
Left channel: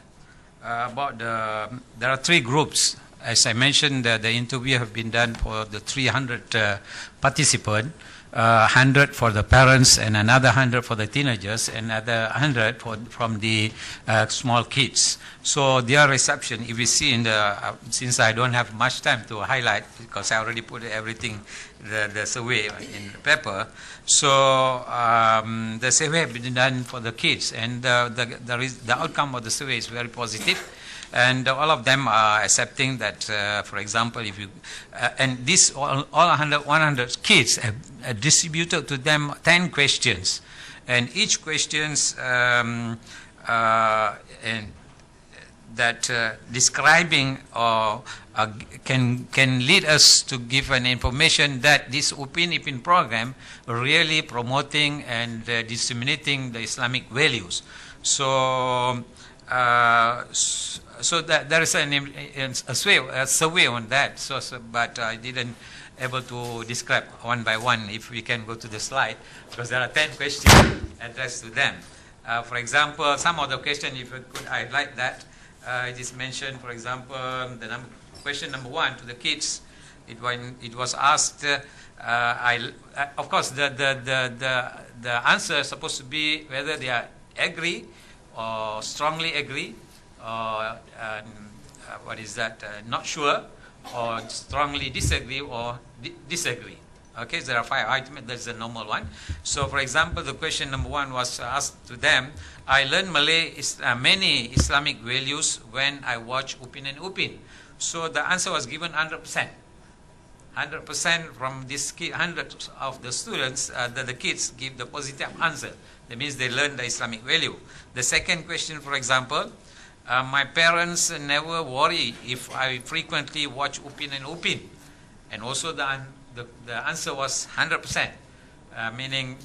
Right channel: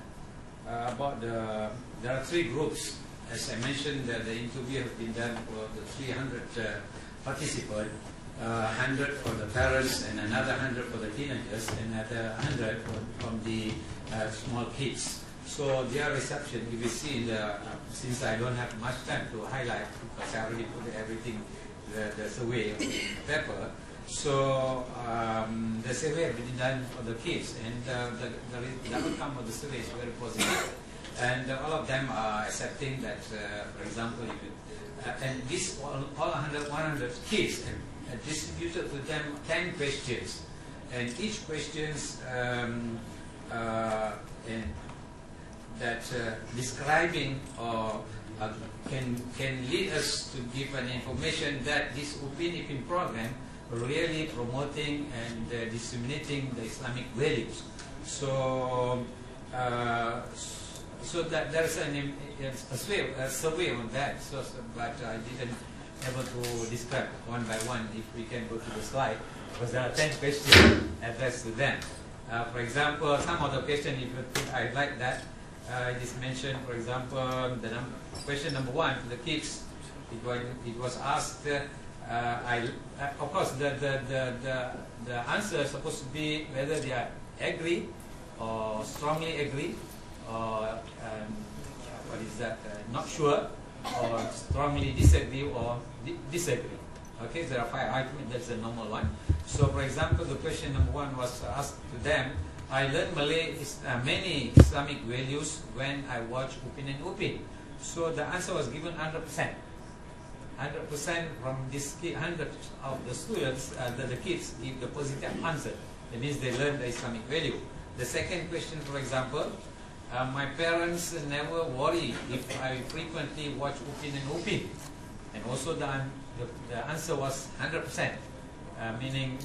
about there are 3 groups. As I mentioned, the interview have been done for the 300 participants, 100 for the parents and another 100 for the teenagers, and another 100 from the small kids. So their reception, if you see in the, since I don't have much time to highlight because I already put everything, the survey in the paper. So the survey has been done for the kids, and the outcome of the survey is very positive. And all of them are accepting that, for example, if you, and this all 100 kids have distributed to them 10 questions. And each questions describing or can lead us to give an information that this Ipin program really promoting and disseminating the Islamic values. So so that there is a survey on that. But I didn't able to describe one by one. If we can go to the slide, because there are 10 questions addressed to them. For example, some of the questions, if you could highlight that, it is mentioned. For example, question number 1 to the kids. It was asked. Of course, the answer is supposed to be whether they are agree or strongly agree, or what is that? Not sure, or strongly disagree, or disagree. Okay, there are 5 items. That's the normal one. So, for example, the question number 1 was asked to them. I learned many Islamic values when I watch Upin and Upin. So the answer was given 100%. 100% from this 100 of the students, the kids give the positive answer. That means they learn the Islamic value. The second question, for example, my parents never worry if I frequently watch Upin and Upin. And also the answer was 100%, meaning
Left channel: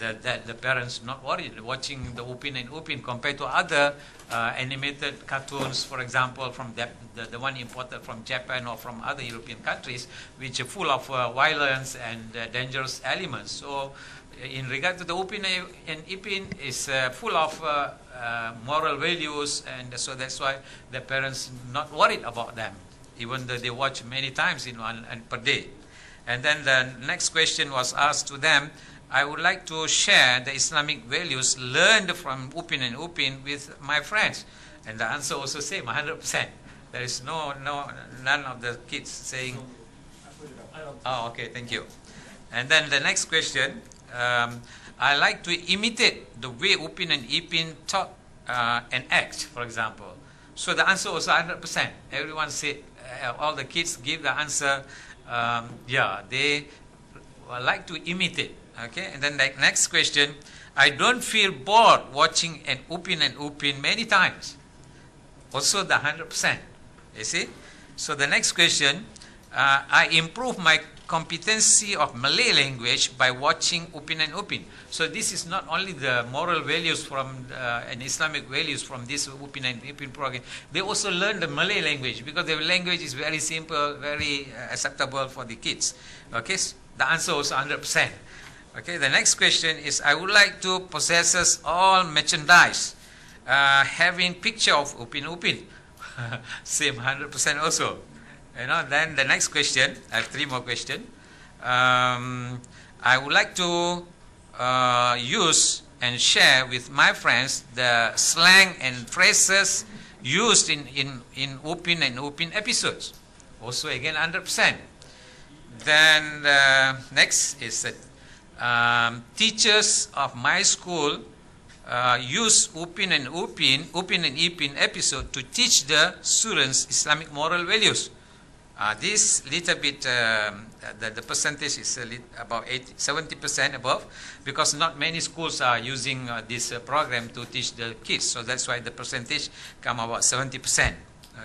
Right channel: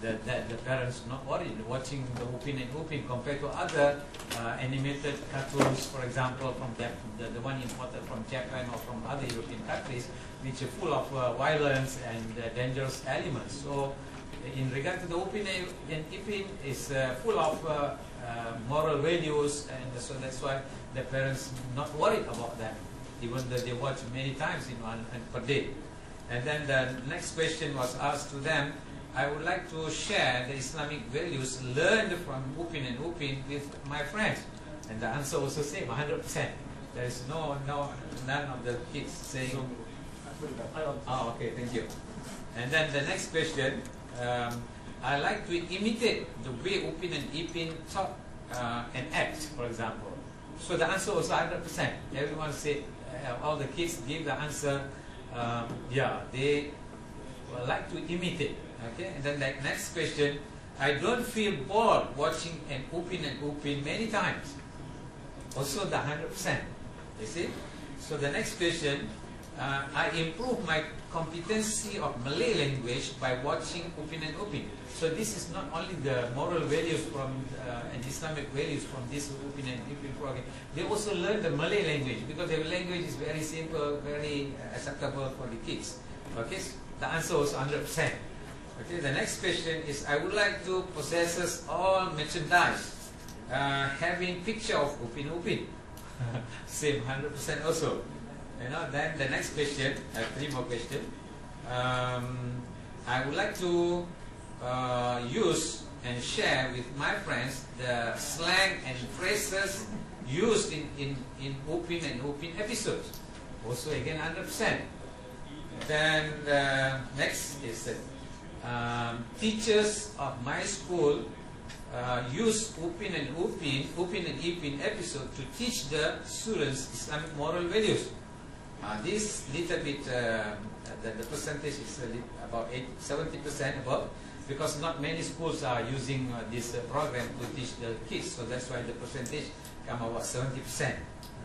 that the parents not worried watching the Upin and Upin compared to other animated cartoons, for example, from the one imported from Japan or from other European countries, which are full of violence and dangerous elements. So in regard to the Upin and Ipin, is full of moral values, and so that's why the parents not worried about that, even though they watch many times in one and per day. And then the next question was asked to them. I would like to share the Islamic values learned from Upin and Upin with my friends. And the answer also same, 100%. There is none of the kids saying, oh, okay, thank you. And then the next question, I like to imitate the way Upin and Ipin talk and act, for example. So the answer was 100%. Everyone said, all the kids give the answer, yeah, they like to imitate. Okay, and then the next question, I don't feel bored watching an Upin and Upin many times. Also the 100%, you see. So the next question, I improve my competency of Malay language by watching Upin and Upin. So this is not only the moral values from and Islamic values from this Upin and Ipin program. They also learn the Malay language because the language is very simple, very acceptable for the kids. Okay, so the answer was 100%. Okay, the next question is, I would like to possess all merchandise having picture of Upin Upin. Same, 100% also. You know, then the next question, I have 3 more questions. I would like to use and share with my friends the slang and phrases used in Upin and Upin episodes. Also again 100%. Then next is teachers of my school use Upin and Ipin episode to teach the students Islamic moral values. This little bit, the percentage is about 70% above, because not many schools are using this program to teach the kids. So that's why the percentage come about 70%.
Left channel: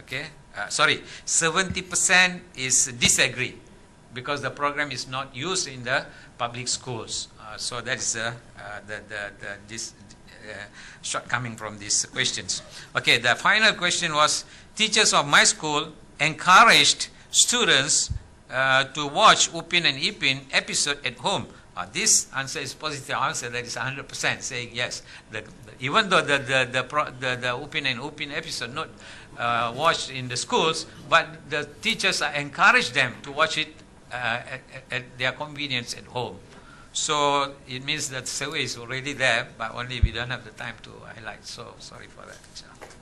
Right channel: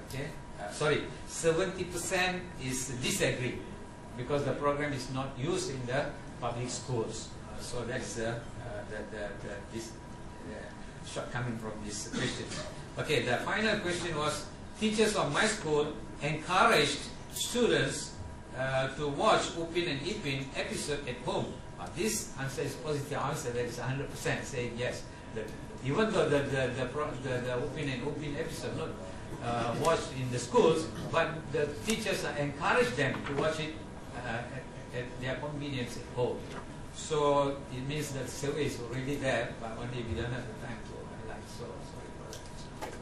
Okay, sorry, 70% is disagree, because the program is not used in the public schools. So that's this shortcoming from these questions. Okay, the final question was, teachers of my school encouraged students to watch Upin and Ipin episode at home. This answer is positive answer, that is 100% saying yes. Even though the Upin and Upin episode not watched in the schools, but the teachers encourage them to watch it at their convenience at home. So it means that survey is already there, but only we don't have the time to highlight. So sorry for that.